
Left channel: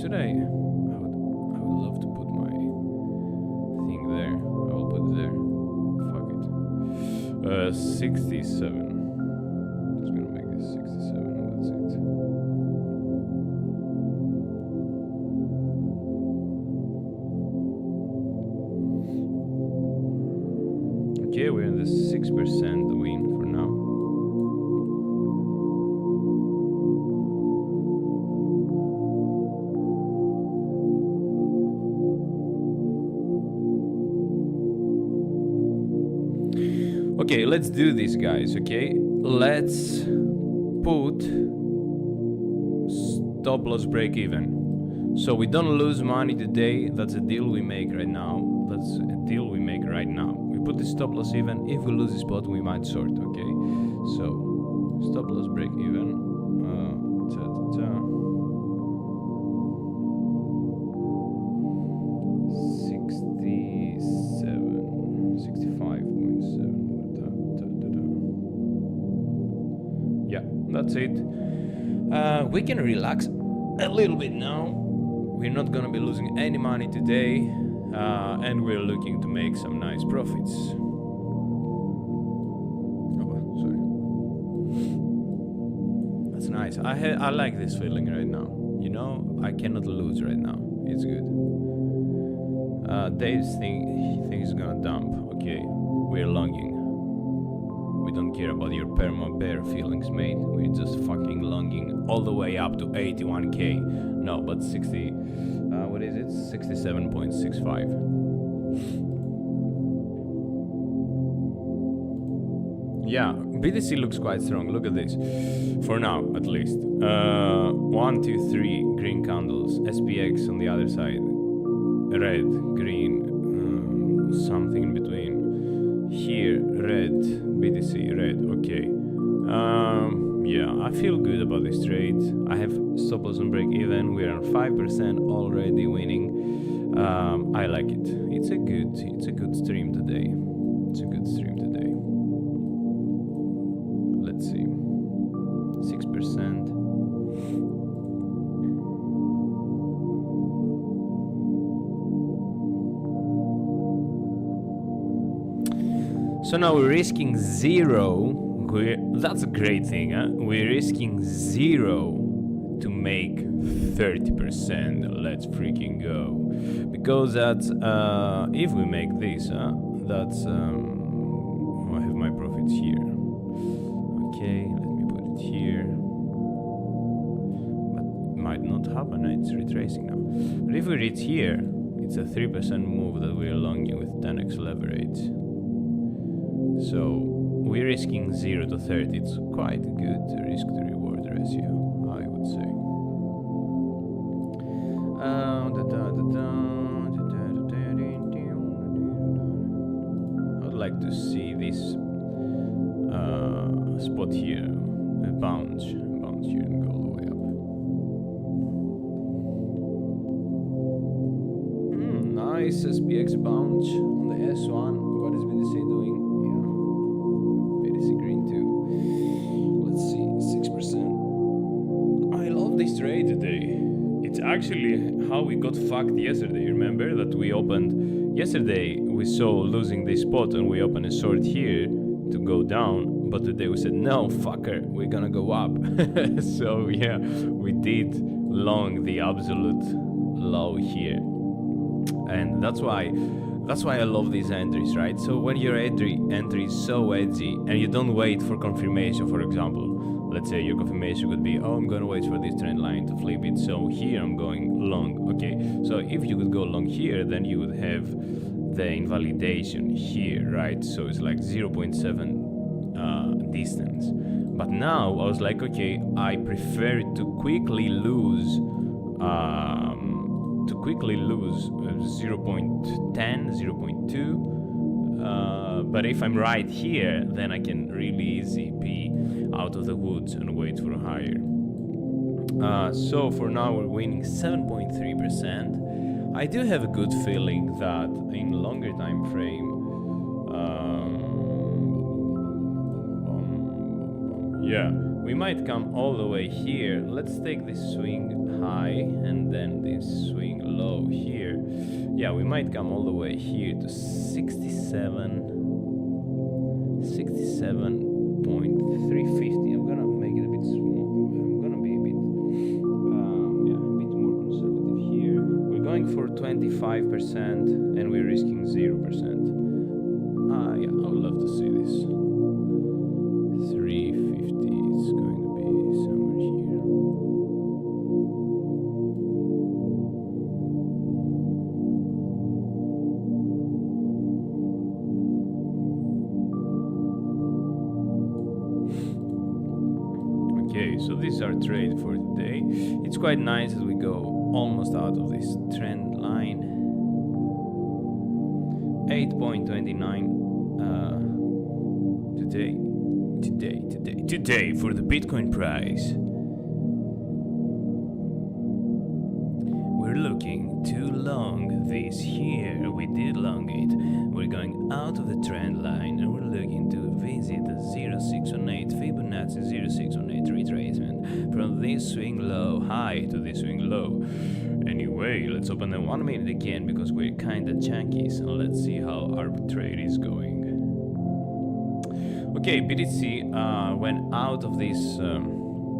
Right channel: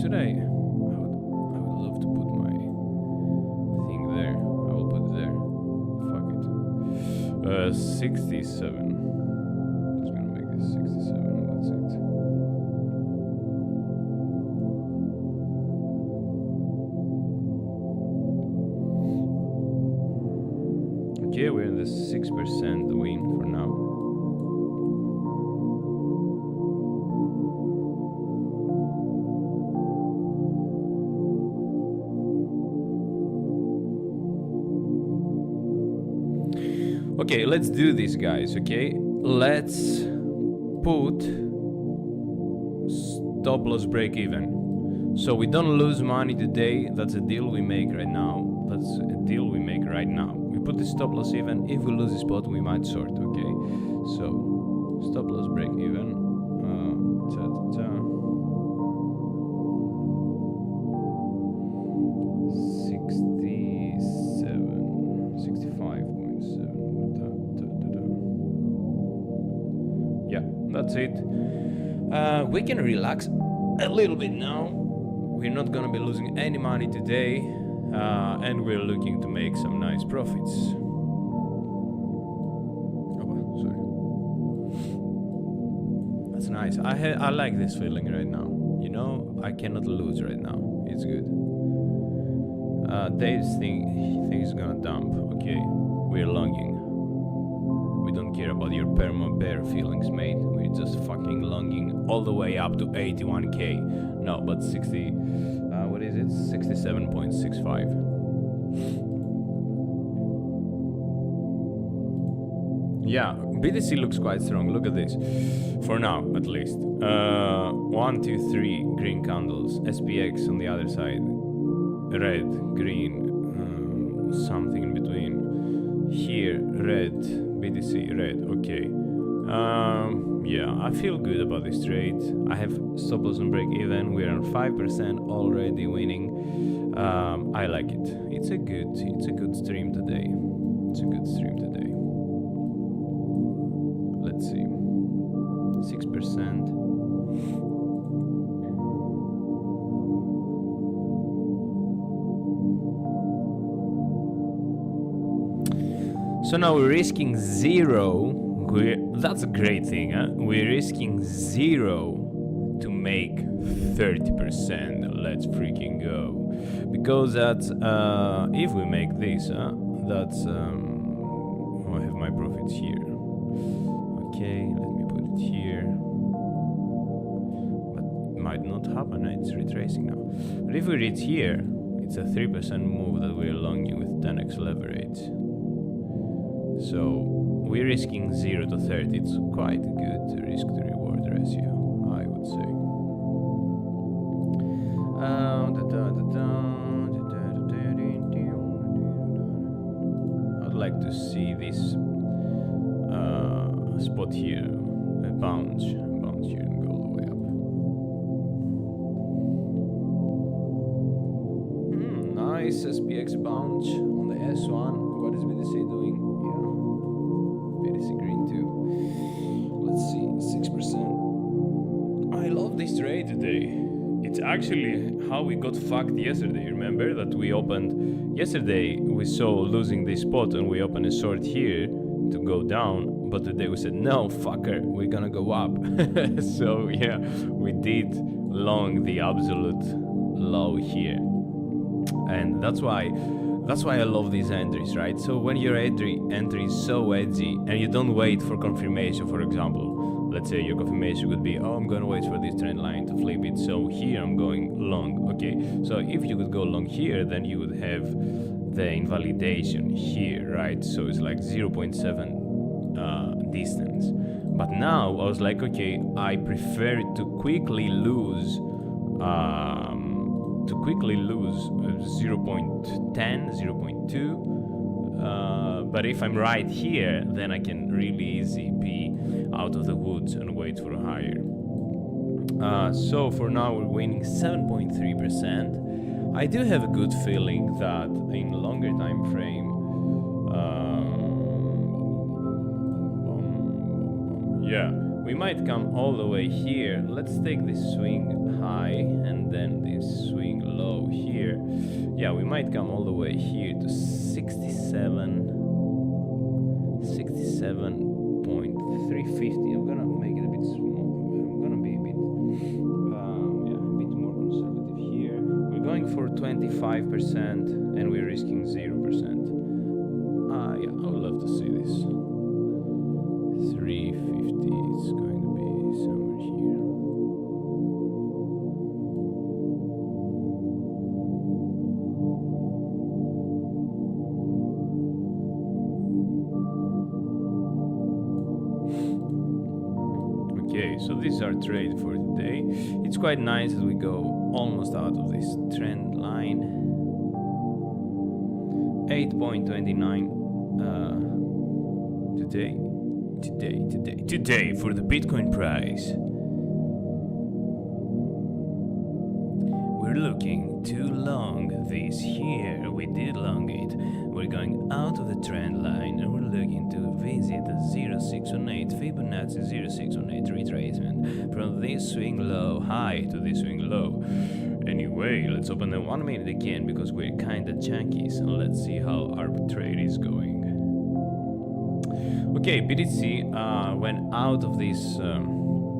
should I would love to put my thing there. I will put it there. Fuck it. 67. Just gonna make this 67 and that's it. Okay, we're in the 6% win for now. Okay, let's do this, guys, okay? Let's put stop loss break even. So we don't lose money today. That's a deal we make right now. That's a deal we make right now. We put the stop loss even. If we lose the spot, we might short, okay? So, stop loss break even. 65.7. Yeah, that's it. We can relax a little bit now. We're not gonna be losing any money today, and we're looking to make some nice profits. Oh, sorry. That's nice. I like this feeling right now. You know, I cannot lose right now. It's good. Dave's think he's gonna dump. Okay, we're longing. We don't care about your perma bear feelings, mate. We're just fucking longing all the way up to 81k. No, but 60. What is it? 67.65. Yeah, BTC looks quite strong. Look at this. For now, at least. 1, 2, 3 green candles. SPX on the other side. Red, green, something in between. Here, red, BTC, red, okay. Yeah, I feel good about this trade. I have stop loss and break even. We're on 5% already winning. I like it. It's a good stream today. It's a good stream today. Let's see. 6%. So now we're risking 0. That's a great thing, huh? We're risking 0 to make 30%. Let's freaking go. Because that's, if we make this, that's, oh, I have my profits here. Okay, let me put it here. But it might not happen, it's retracing now. But if we reach here, it's a 3% move that we're longing with 10x leverage. So we're risking 0 to 30. It's quite a good risk to reward ratio, I would say. I would like to see this spot here, a bounce here and go all the way up. Nice SPX bounce on the S1. What is BTC doing? Green too. Let's see, 6%. I love this trade today. It's actually how we got fucked yesterday. Remember that we opened yesterday? We saw losing this spot and we opened a short here to go down. But today we said, no, fucker, we're gonna go up. So yeah, we did long the absolute low here. And that's why I love these entries, right? So when your entry is so edgy and you don't wait for confirmation, for example, let's say your confirmation could be, oh, I'm gonna wait for this trend line to flip it, so here I'm going long. Okay, so if you could go long here, then you would have the invalidation here, right? So it's like 0.7 distance. But now I was like, okay, I prefer to quickly lose 0.10, 0.2, but if I'm right here, then I can really easy be out of the woods and wait for higher. So for now we're winning 7.3%. I do have a good feeling that in longer time frame, yeah, we might come all the way here. Let's take this swing high and then this swing low here. Yeah, we might come all the way here to 67.350. I'm gonna make it a bit small. I'm gonna be a bit, yeah, a bit more conservative here. We're going for 25% and we're risking 0%. Yeah, I would love to see this. 350 is going to be somewhere here. Okay, so this is our trade for today. It's quite nice as we go almost out of this trend line. 8.29 today for the Bitcoin price. We're looking to long this here. We did long it. We're going out of the trend line and we're looking to visit the 0618 Fibonacci 0618 retracement from this swing low high to this swing low. Anyway, let's open the 1 minute again because we're kinda chunky, so let's see how our trade is going. Okay, BTC went out of this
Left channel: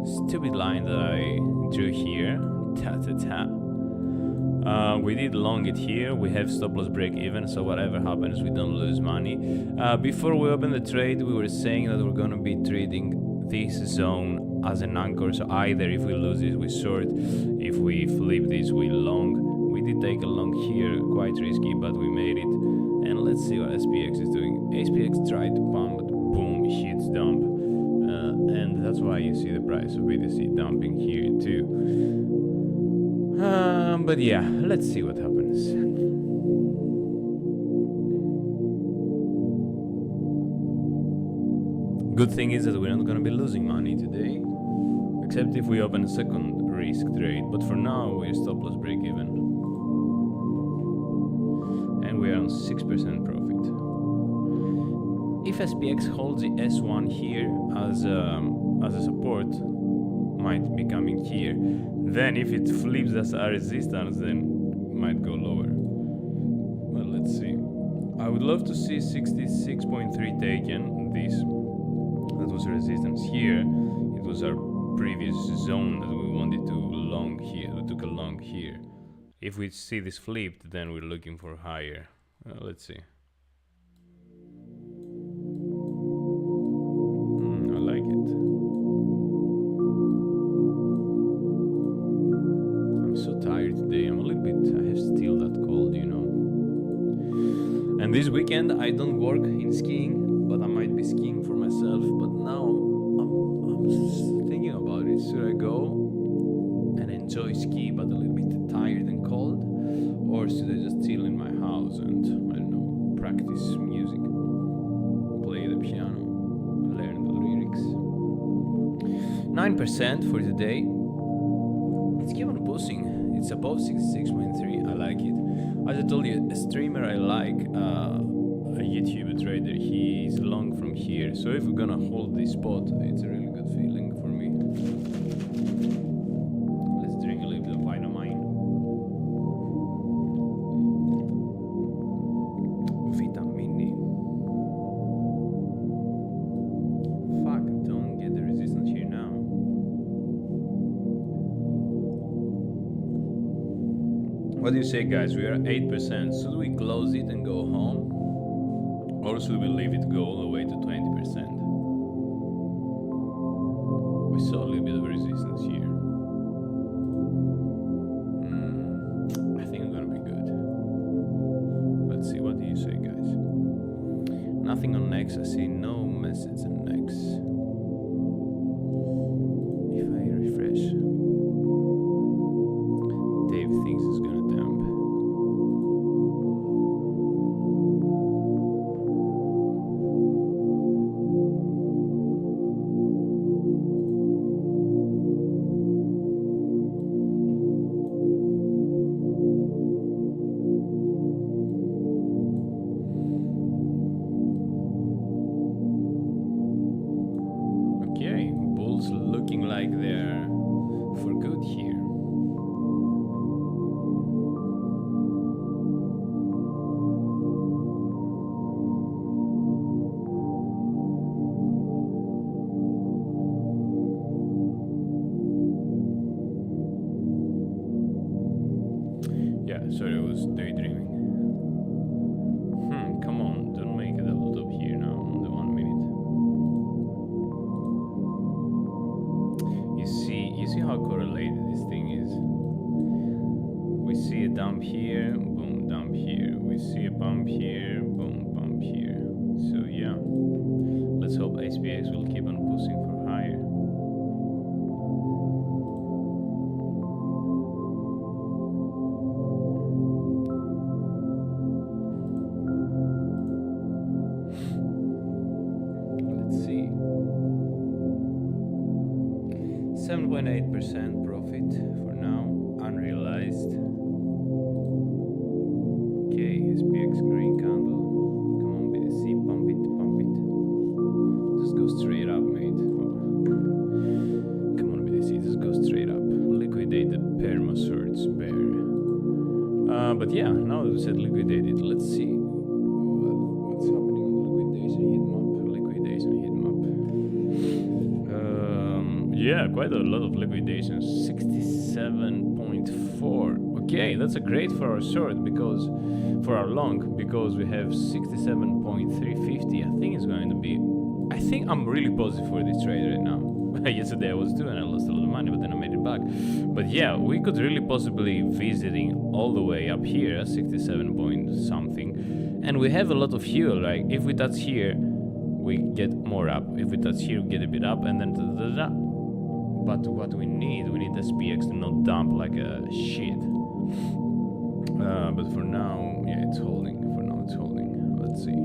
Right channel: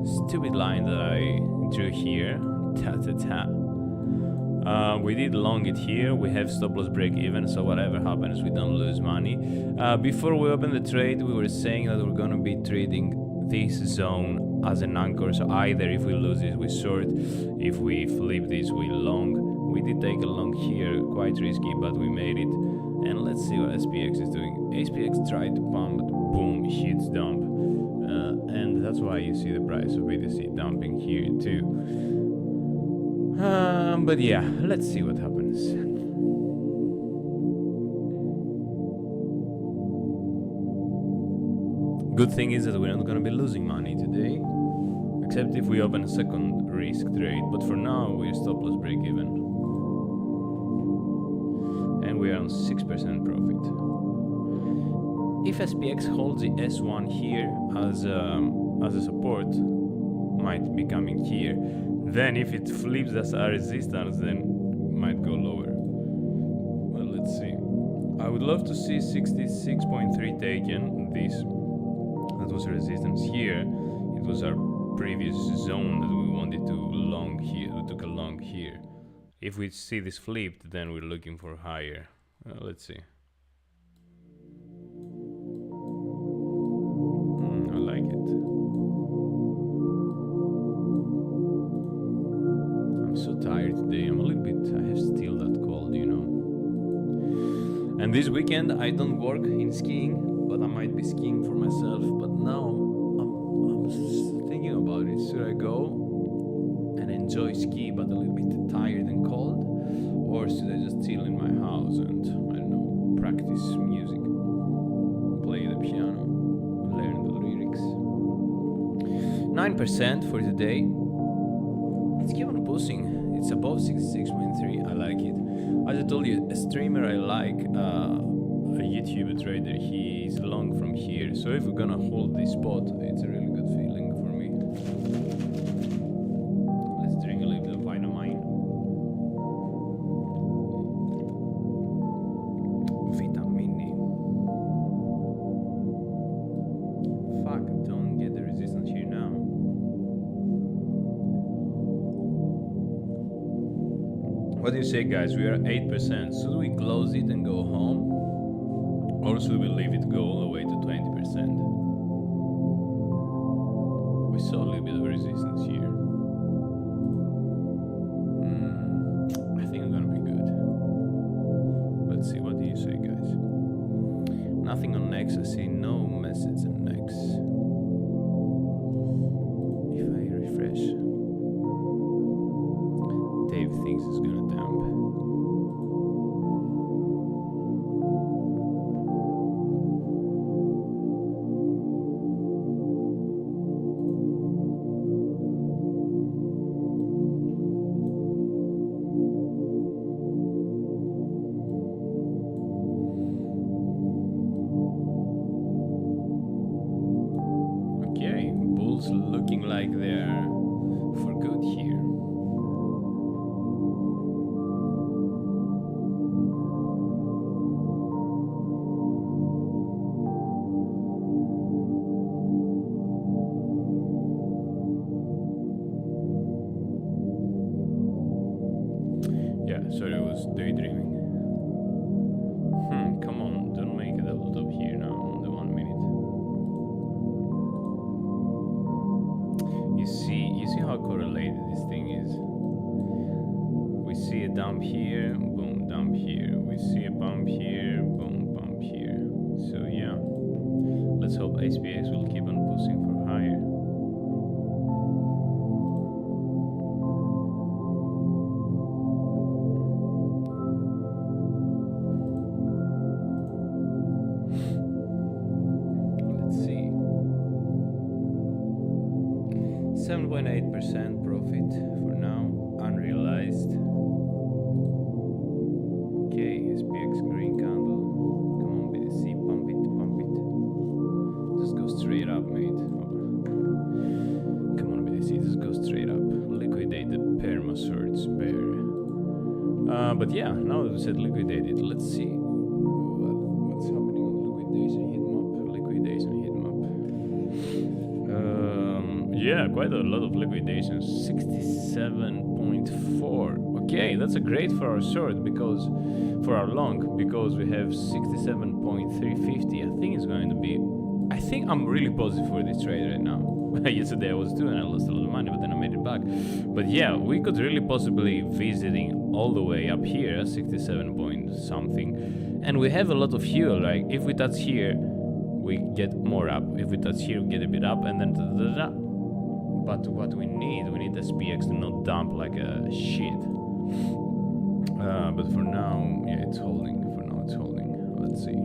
stupid line that I drew here. We did long it here. We have stop loss break even, so whatever happens, we don't lose money. Before we open the trade, we were saying that we're gonna be trading this zone as an anchor. So either if we lose this, we short. If we flip this, we long. We did take a long here, quite risky, but we made it. And let's see what SPX is doing. SPX tried to pump, but boom, hits dump. And that's why you see the price of BTC dumping here too. But yeah, let's see what happens. Good thing is that we're not gonna be losing money today, except if we open a second risk trade. But for now, we're stop loss break even, and we are on 6% profit. If SPX holds the S1 here as a support, might be coming here. Then if it flips as a resistance, then might go lower. Well, let's see. I would love to see 66.3 taken. That was resistance here. It was our previous zone that we wanted to long here. We took a long here. If we see this flipped, then we're looking for higher. Let's see. I like it. I'm so tired today. I'm a little bit, I have still that cold, you know. And this weekend I don't work in skiing, but I might be skiing for myself. But now I'm just thinking about it. Should I go and enjoy ski but a little bit tired and cold? Or should I just chill in my house and, I don't know, practice music, play the piano, learn the lyrics? 9% for today. It's keep on pushing. It's above 66.3. I like it. As I told you, a streamer I like, a YouTuber trader, he is long from here. So if we're gonna hold this spot, it's a really good feeling for me. Let's drink a little bit of Vitamine. Vitamini. Fuck, don't get the resistance here now. What do you say, guys? We are 8%. Should we close it and go home? Or should we leave it go all the way to 20%? We saw a little bit of resistance here. I think it's gonna be good. Let's see, what do you say, guys? Nothing on Next. I see no message on Next. If I refresh, Dave thinks it's gonna dump. Okay, bulls looking like they're for good here. Yeah, sorry, I was daydreaming. Come on, don't make it all up here now on the 1 minute. You see how correlated this thing is? We see a dump here, boom, dump here. We see a bump here, boom, bump here. So yeah, let's hope SPX will keep on pushing for higher. Let's see. 7.8% profit for now, unrealized. Okay, SPX green candle. Come on, BTC, pump it, pump it. Just go straight up, mate. Come on, BTC, just go straight up. Liquidate the perma surge bear. But yeah, now that we said liquidate it, let's see what's happening on liquidation heat map. Liquidation heat map. Yeah, quite a lot of liquidations. 67.4. Okay, that's a great for our short, because for our long, because we have 67.350. I think it's going to be. I think I'm really positive for this trade right now. Yesterday I was too, and I lost a lot of money, but then I made it back. But yeah, we could really possibly visiting all the way up here, 67 point something, and we have a lot of fuel. Like if we touch here, we get more up. If we touch here, we get a bit up, and then but what we need SPX to not dump like a shit. But for now, yeah, it's holding. For now, it's holding. Let's see.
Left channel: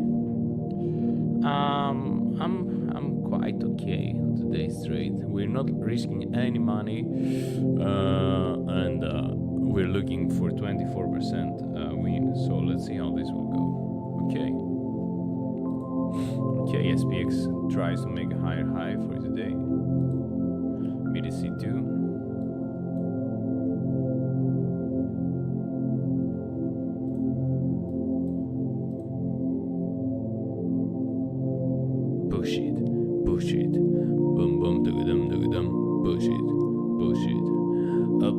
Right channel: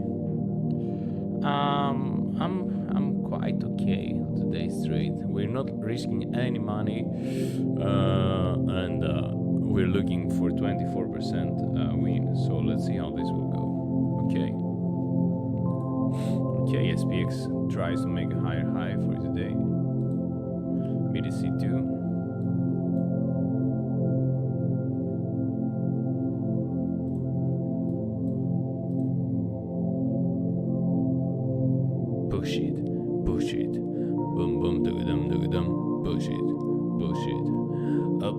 I'm quite okay today's trade. We're not risking any money, and we're looking for 24% win. So let's see how this will go. Okay. Okay, SPX tries to make a higher high for today. BTC2. Push it, push it. Boom, boom, dum, dum, push it, push it.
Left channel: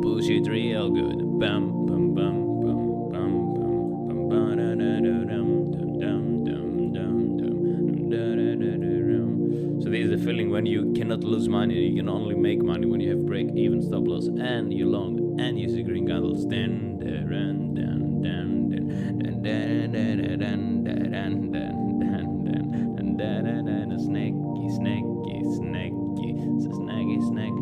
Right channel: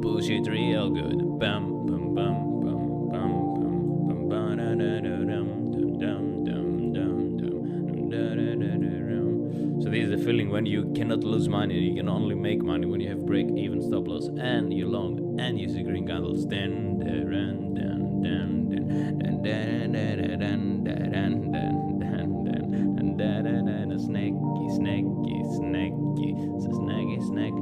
Push it real good. Bam, bam, bam, bam, bam, bam, bam, ba da da da dum, dum, dum, dum, dum, dum, da da da da dum. So this is the feeling when you cannot lose money, you can only make money when you have break-even stop loss and you're long and you see green candles. Then, then, then, then, then, then, then, then, then, then, snaky, snacky, snacky, snacky, snack.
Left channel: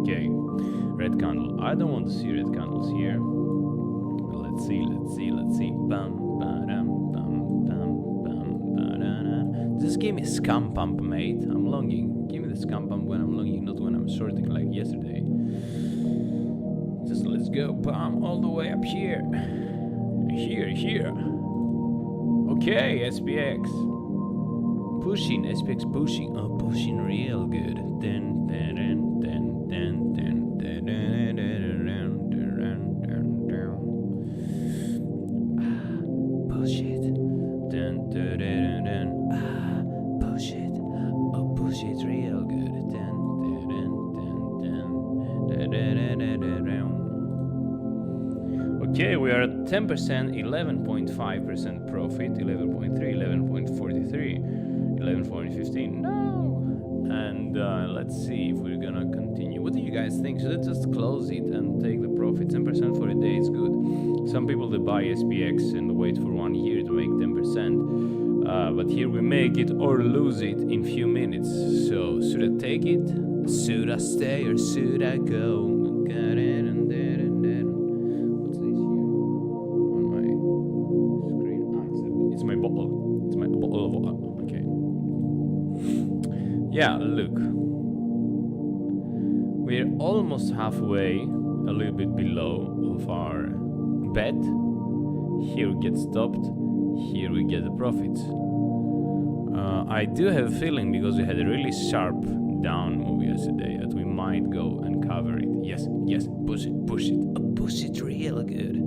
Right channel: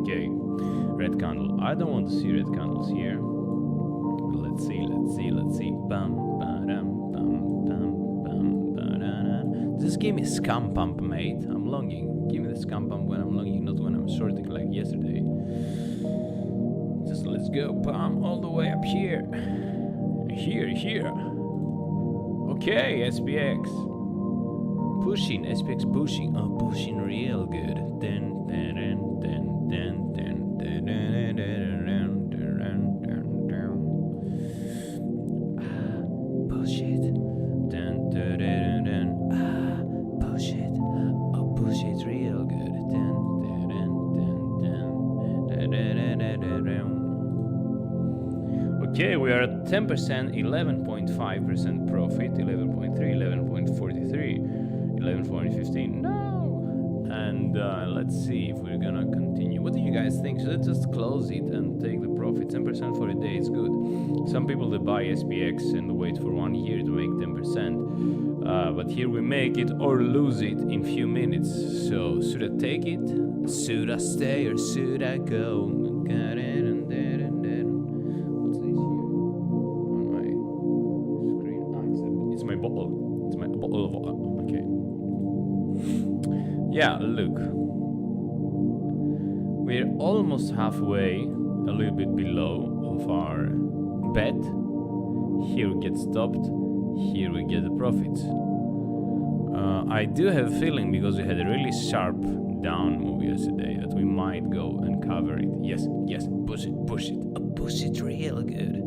Okay, red candle. I don't want to see red candles here. Let's see, let's see, let's see. Bum, ba-dum, bum, bum, bum, ba-da-da. Just give me a scam pump, mate. I'm longing. Give me the scam pump when I'm longing, not when I'm shorting like yesterday. Just let's go, bum, all the way up here. Here, here. Okay, SPX. Pushing, SPX pushing. Oh, pushing real good. Then, then, then, then, then, then, then, then, push it. Then, then, then, then. Push it. Oh, push it real good. Then, then, then, then, then, then, then, then. Okay, we are at 10%, 11.5% profit, 11.3, 11.43, 11.15. No! And let's see if we're gonna continue. What do you guys think? Should I just close it and take the profit? 10% for a day is good. Some people they buy SPX and wait for 1 year to make 10%. But here we make it or lose it in few minutes. So should I take it? Should I stay or should I go? What's this here on my screen? Ah, it's my bottle. It's my bottle of water. Okay. Yeah, look. We're almost halfway, a little bit below of our bet. Here we get stopped. Here we get the profits. I do have a feeling, because we had a really sharp down move yesterday, that we might go and cover it. Yes, yes, push it, push it. Push it real good.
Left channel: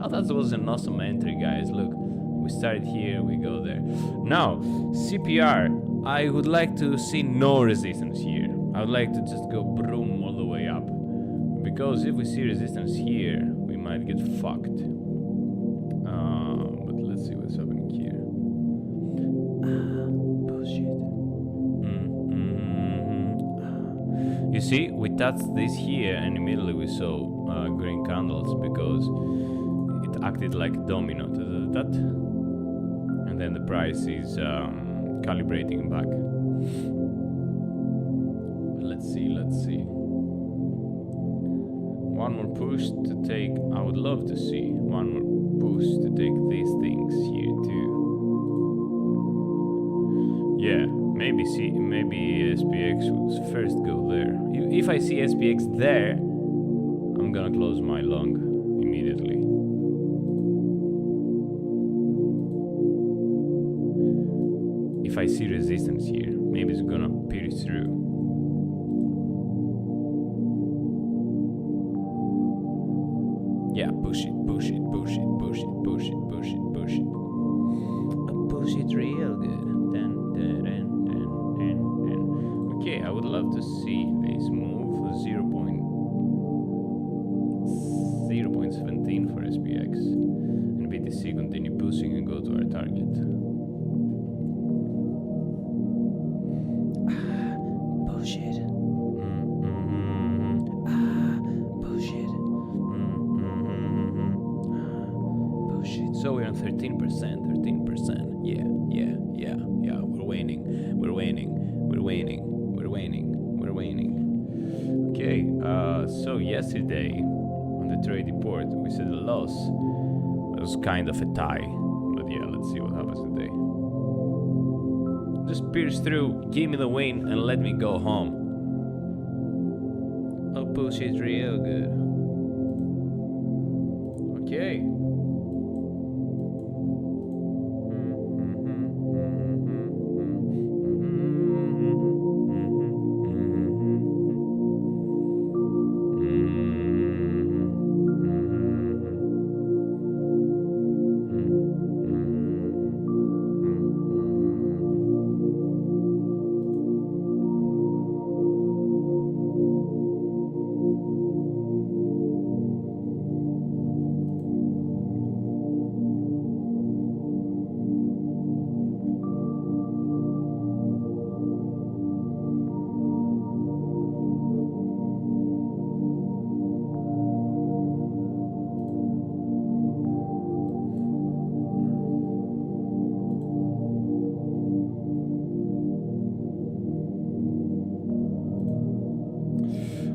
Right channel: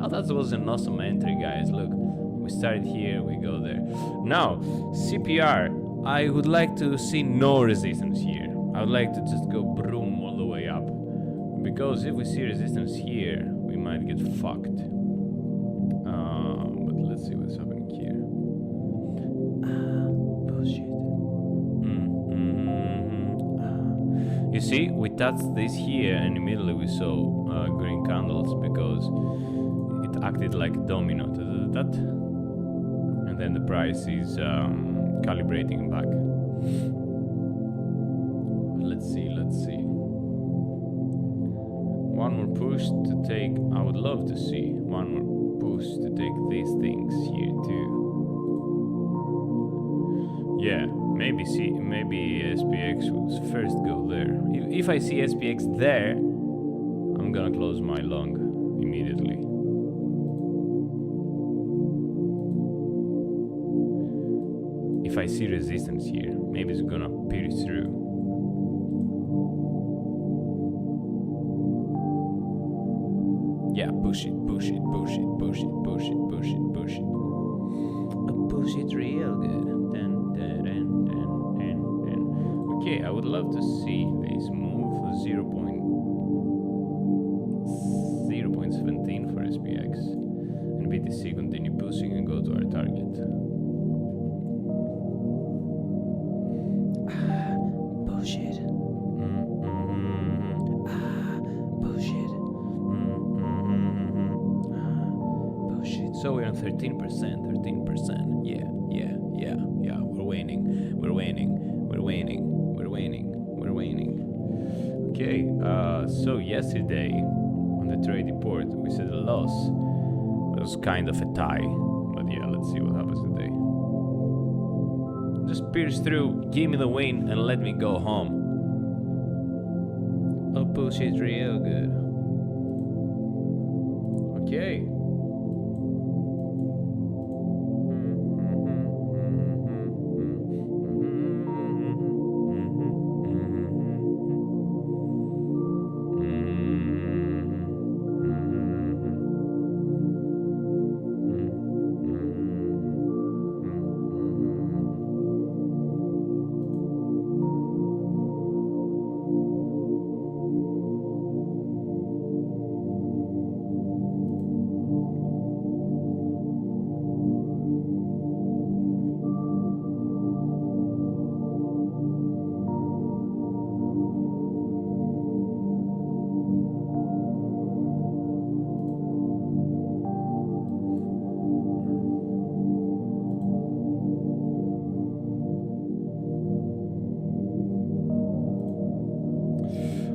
Oh, that was an awesome entry, guys. Look, we started here, we go there. Now, CPR, I would like to see no resistance here. I would like to just go broom all the way up. Because if we see resistance here, we might get fucked. But let's see what's happening here. Bullshit. You see, we touched this here and immediately we saw green candles because it acted like a domino. And then the price is calibrating back. Let's see, let's see. One more push to take. I would love to see one more push to take these things here too. Yeah, maybe SPX will first go there. If I see SPX there, I'm gonna close my long immediately. If I see resistance here, maybe it's gonna pierce through. Yeah, push it, push it, push it, push it, push it, push it, push it. Push it real good. Okay, I would love to see this move 0.17 for SPX and BTC continue pushing and go to our target. Push it. So we're on 13%. Yeah. We're waning. Okay, so yesterday on the trade report we said a loss. It was kind of a tie, but yeah, let's see what happens today. Just pierce through, give me the win, and let me go home. Oh, push it real good. Okay.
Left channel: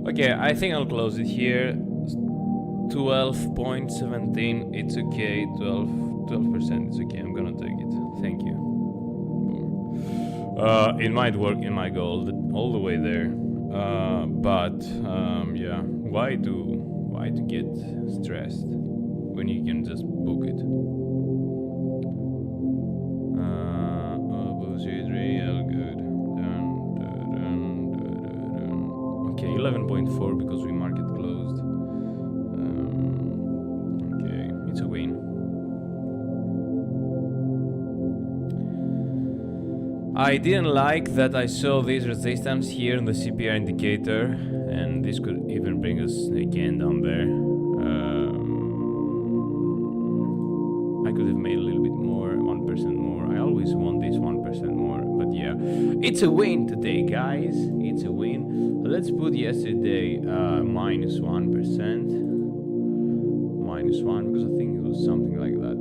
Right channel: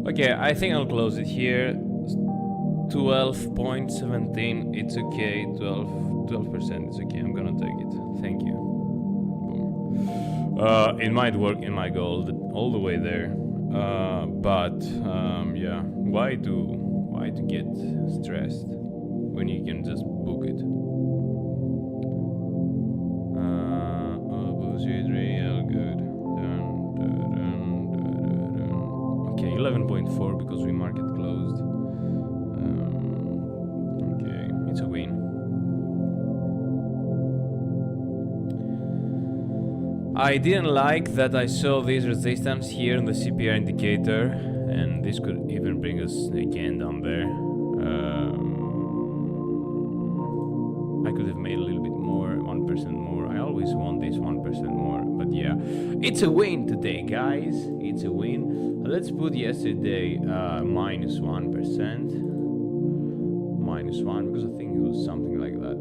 Okay, I think I'll close it here. 12.17, it's okay. 12% is okay. I'm gonna take it. Thank you. Boom. It might work in my goal all the way there. But yeah, why to get stressed when you can just book it? Oh, bullshit, real good. Okay, 11.4 because we market closed. Okay, it's a win. I didn't like that I saw this resistance here in the CPR indicator and this could even bring us again down there. I could have made a little bit more, 1% more. I always want this 1% more, but yeah, it's a win today, guys. It's a win. Let's put yesterday minus 1%, minus 1, because I think it was something like that.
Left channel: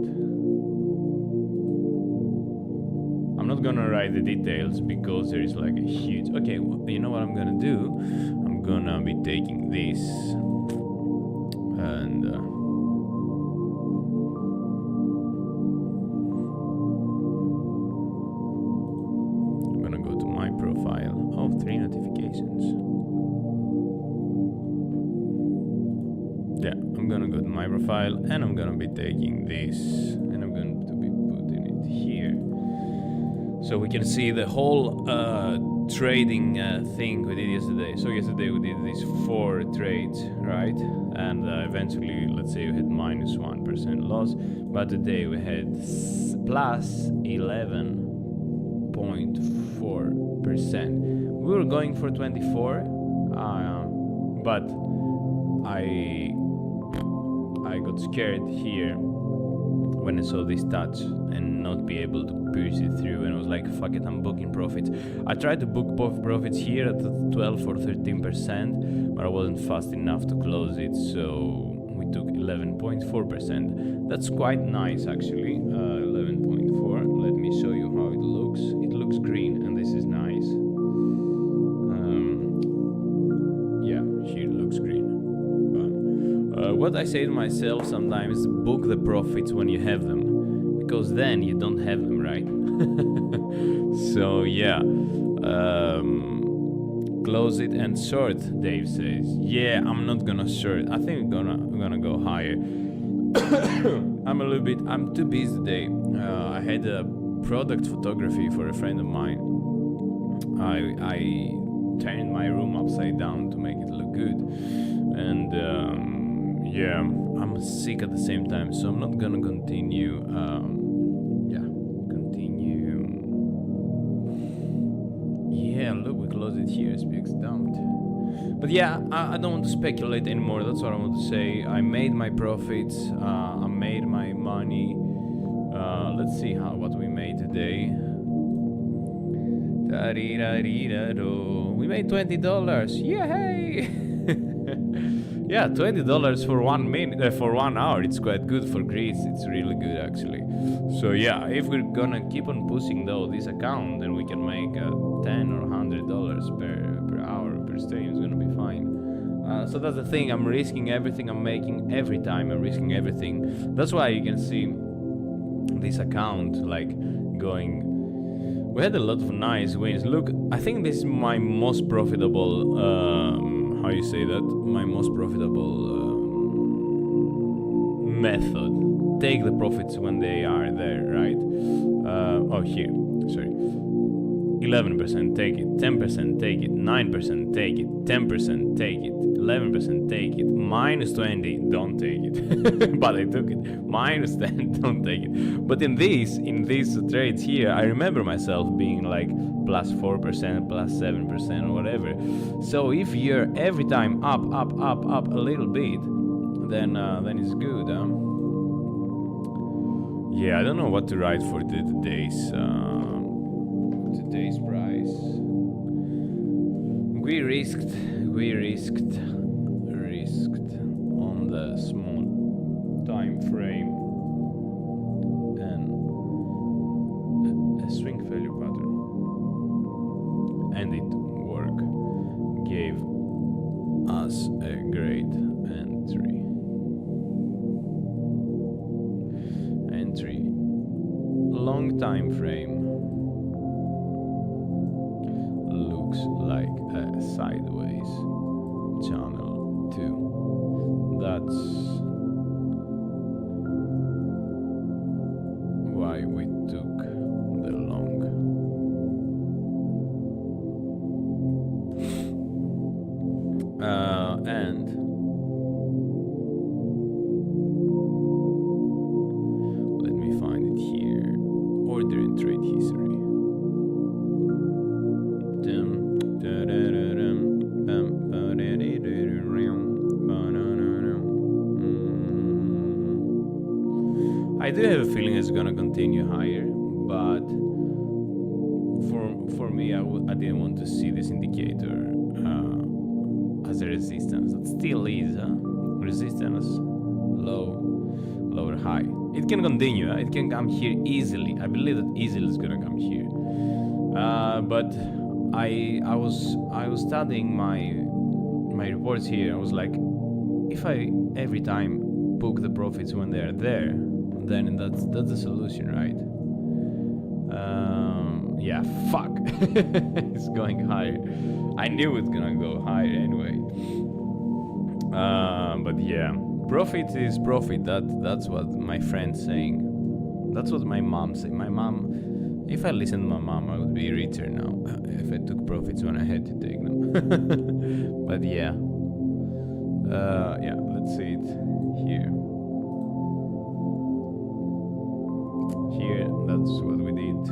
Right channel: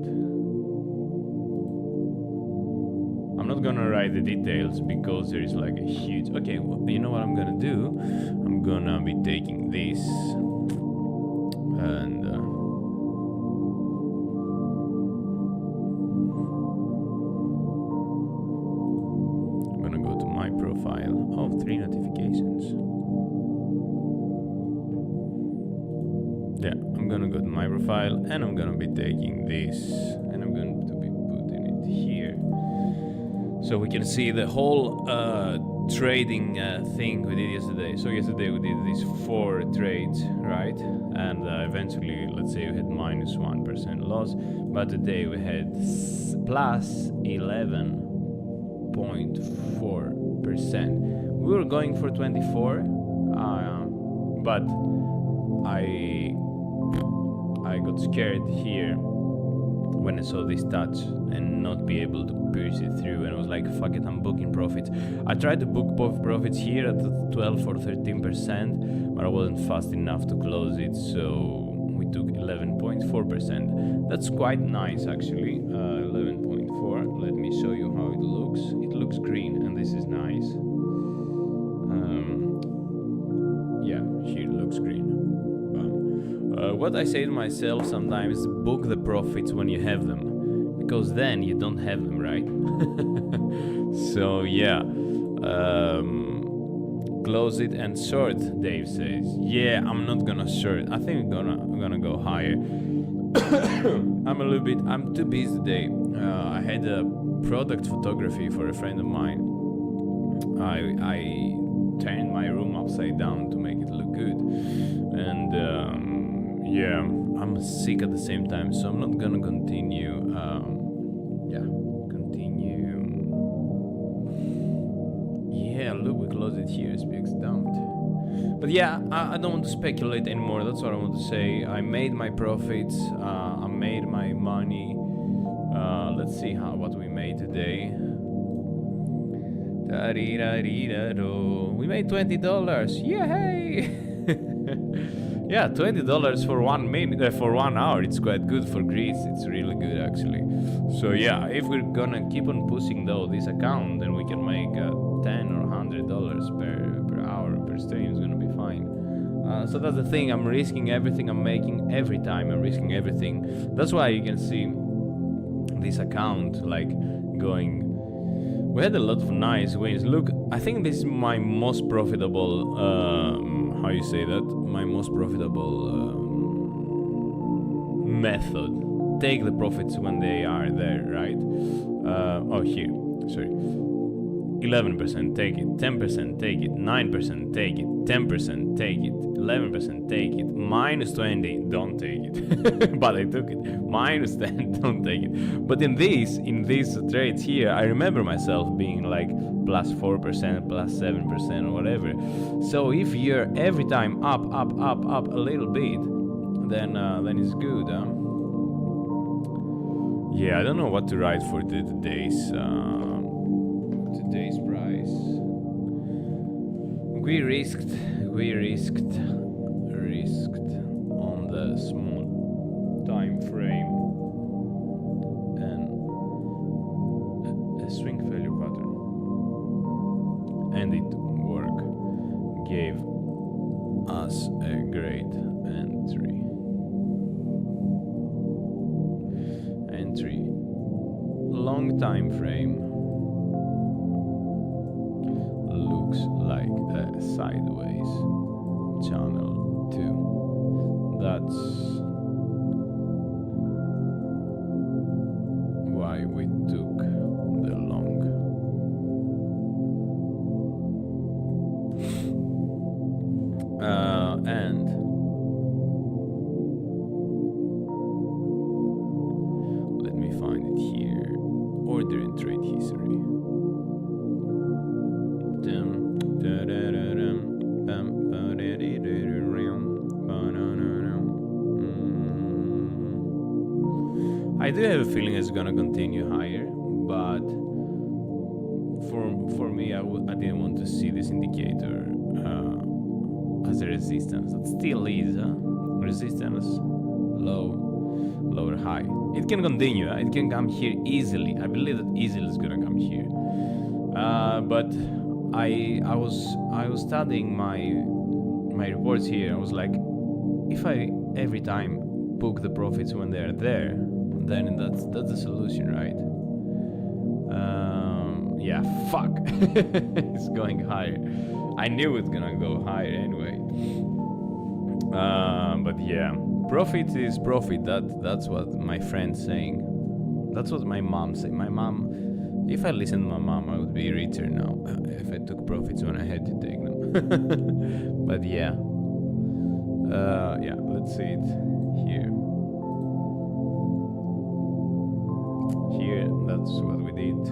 I'm not gonna write the details because there is like a huge. Okay, well, you know what I'm gonna do? I'm gonna be taking this and. To my profile. Oh, 3 notifications. Yeah, I'm gonna go to my profile and I'm gonna be taking this and I'm going to be putting it here so we can see the whole trading thing we did yesterday. So yesterday we did these 4 trades, right? And eventually, let's say we had minus 1% loss, but today we had plus 11.4%. We were going for 24, but I got scared here when I saw this touch and not be able to pierce it through, and I was like, fuck it, I'm booking profits. I tried to book both profits here at 12 or 13%, but I wasn't fast enough to close it, so we took 11.4%. That's quite nice, actually. 11.4. Let me show you how it looks. It looks green, and this is nice. Yeah, here it looks green. What I say to myself sometimes: book the profits when you have them, because then you don't have them, right? So yeah. Close it and short, Dave says. Yeah, I'm not gonna short. I think I'm gonna go higher. I'm too busy today. I had a product photography for a friend of mine. I turned my room upside down to make it look good, and yeah, I'm sick at the same time, so I'm not gonna continue. Yeah, look, we closed it here. SPX dumped. But yeah, I don't want to speculate anymore. That's what I want to say. I made my profits. I made my money. Let's see what we made today. We made $20. Yay! Yeah, $20 for 1 minute, for 1 hour. It's quite good for Greece. It's really good, actually. So yeah, if we're gonna keep on pushing though this account, then we can make $10 or $100 per hour per stream. It's gonna be fine. So that's the thing. I'm risking everything I'm making every time. I'm risking everything. That's why you can see this account like going. We had a lot of nice wins. Look, I think this is my most profitable. How you say that? My most profitable method. Take the profits when they are there, right? Oh, here. Sorry. 11% take it, 10% take it, 9% take it, 10% take it, 11% take it, minus 20, don't take it. But I took it. Minus 10, don't take it. But in these trades here, I remember myself being like plus 4%, plus 7% or whatever. So if you're every time up a little bit, then it's good, huh? Yeah, I don't know what to write for today's price. We risked on the small time frame and a swing failure pattern, and it worked. Gave us a great entry. Long time frame. Looks like a sideways channel too. That's why we took the long. And let me find it here. Order and trade history. I do have a feeling it's gonna continue higher, but for me, I didn't want to see this indicator as a resistance. It still is resistance, low, lower, high. It can continue. It can come here easily. I believe that easily is gonna come here. But I was studying my reports here. I was like, if I every time book the profits when they're there, then that's the solution, right? Yeah, fuck. It's going higher. I knew it's gonna go higher anyway. But yeah, profit is profit. That's what my friend's saying. That's what my mom said. My mom, if I listened to my mom, I would be richer now if I took profits when I had to take them. But yeah. Yeah, let's see it here. Here, that's what we did.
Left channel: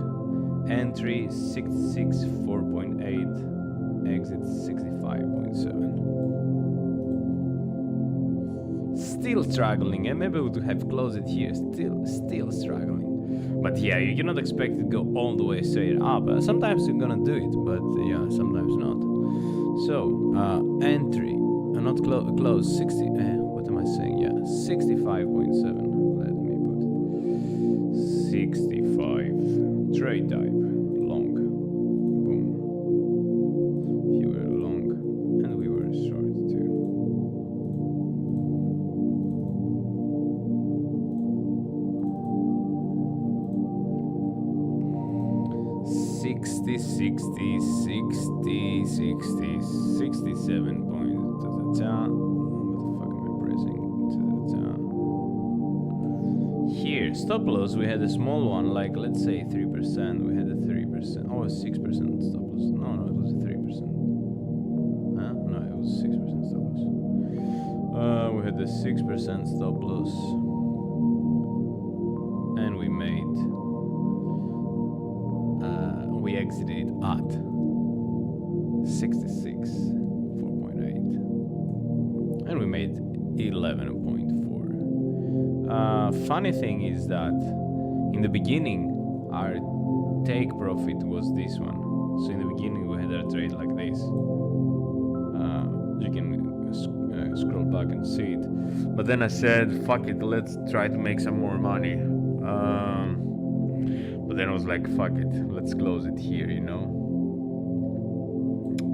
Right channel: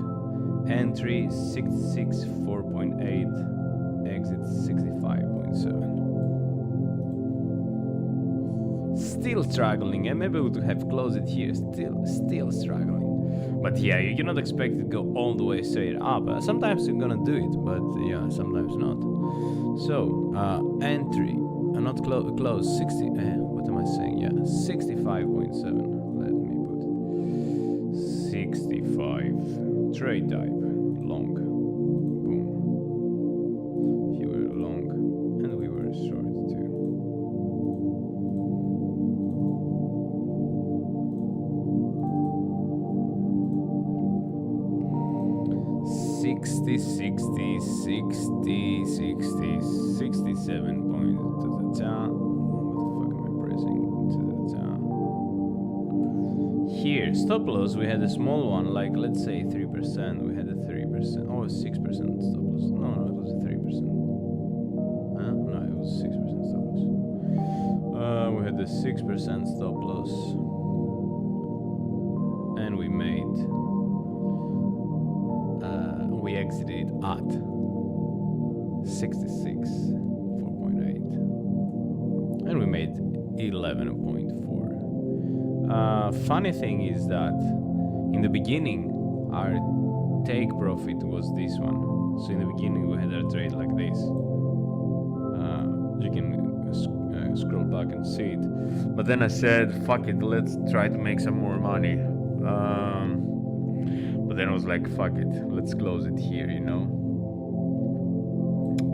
Entry 664.8, exit 65.7. Still struggling, and maybe we would have closed it here. Still struggling. But yeah, you cannot expect it to go all the way straight up. Sometimes you're gonna do it, but yeah, sometimes not. So, entry, not close, 60, what am I saying? Yeah, 65.7. Let me put it. 65. Trade type, long. Boom. You were long, and we were short too. 60, 60, 60, 60, 67 points to the top. What the fuck am I pressing? To the top. Here, stop loss, we had a small one, like let's say 3%. We had a 3%. Oh, 6% stop loss. No, it was a 3%. Huh? No, it was 6% stop loss. We had the 6% stop loss. And we made... we exited at 66, 4.8. And we made 11.4. Funny thing is that in the beginning, our take profit was this one. So in the beginning, we had our trade like this. You can scroll back and see it. But then I said, fuck it, let's try to make some more money. But then I was like, fuck it, let's close it here, you know?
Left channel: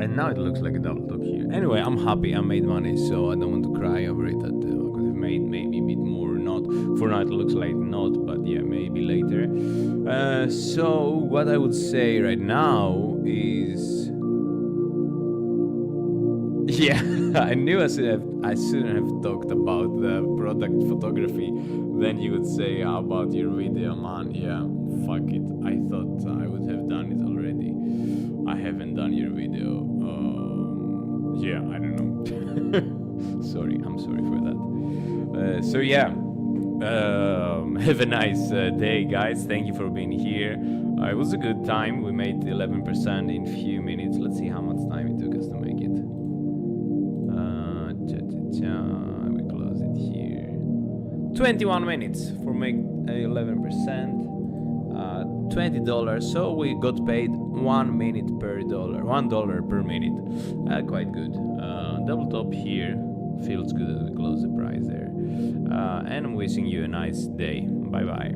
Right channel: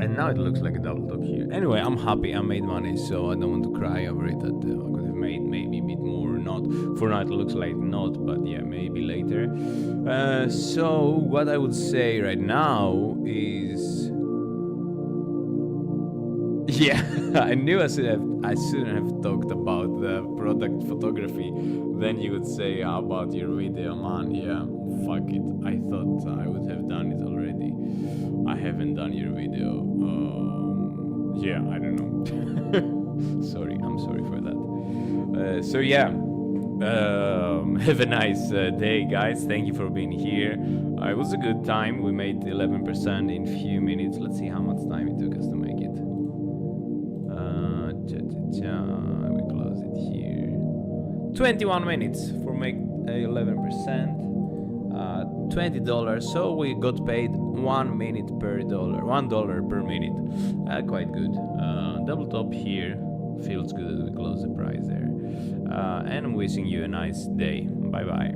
And now it looks like a double top here. Anyway, I'm happy, I made money, so I don't want to cry over it. That I could have made maybe a bit more or not. For now it looks like not, but yeah, maybe later. So what I would say right now is... Yeah, I knew I shouldn't have talked about the product photography. Then you would say, how about your video, man? Yeah, fuck it. I thought I would have done it already. I haven't done your video. Yeah, I don't know. Sorry, I'm sorry for that. So yeah, have a nice day, guys. Thank you for being here. It was a good time. We made 11% in few minutes. Let's see how much time it took us to make it. We close it here. 21 minutes for make 11%. $20, so we got paid 1 minute per dollar, $1 per minute. Quite good. Double top here. Feels good that we close the price there. And I'm wishing you a nice day. Bye bye.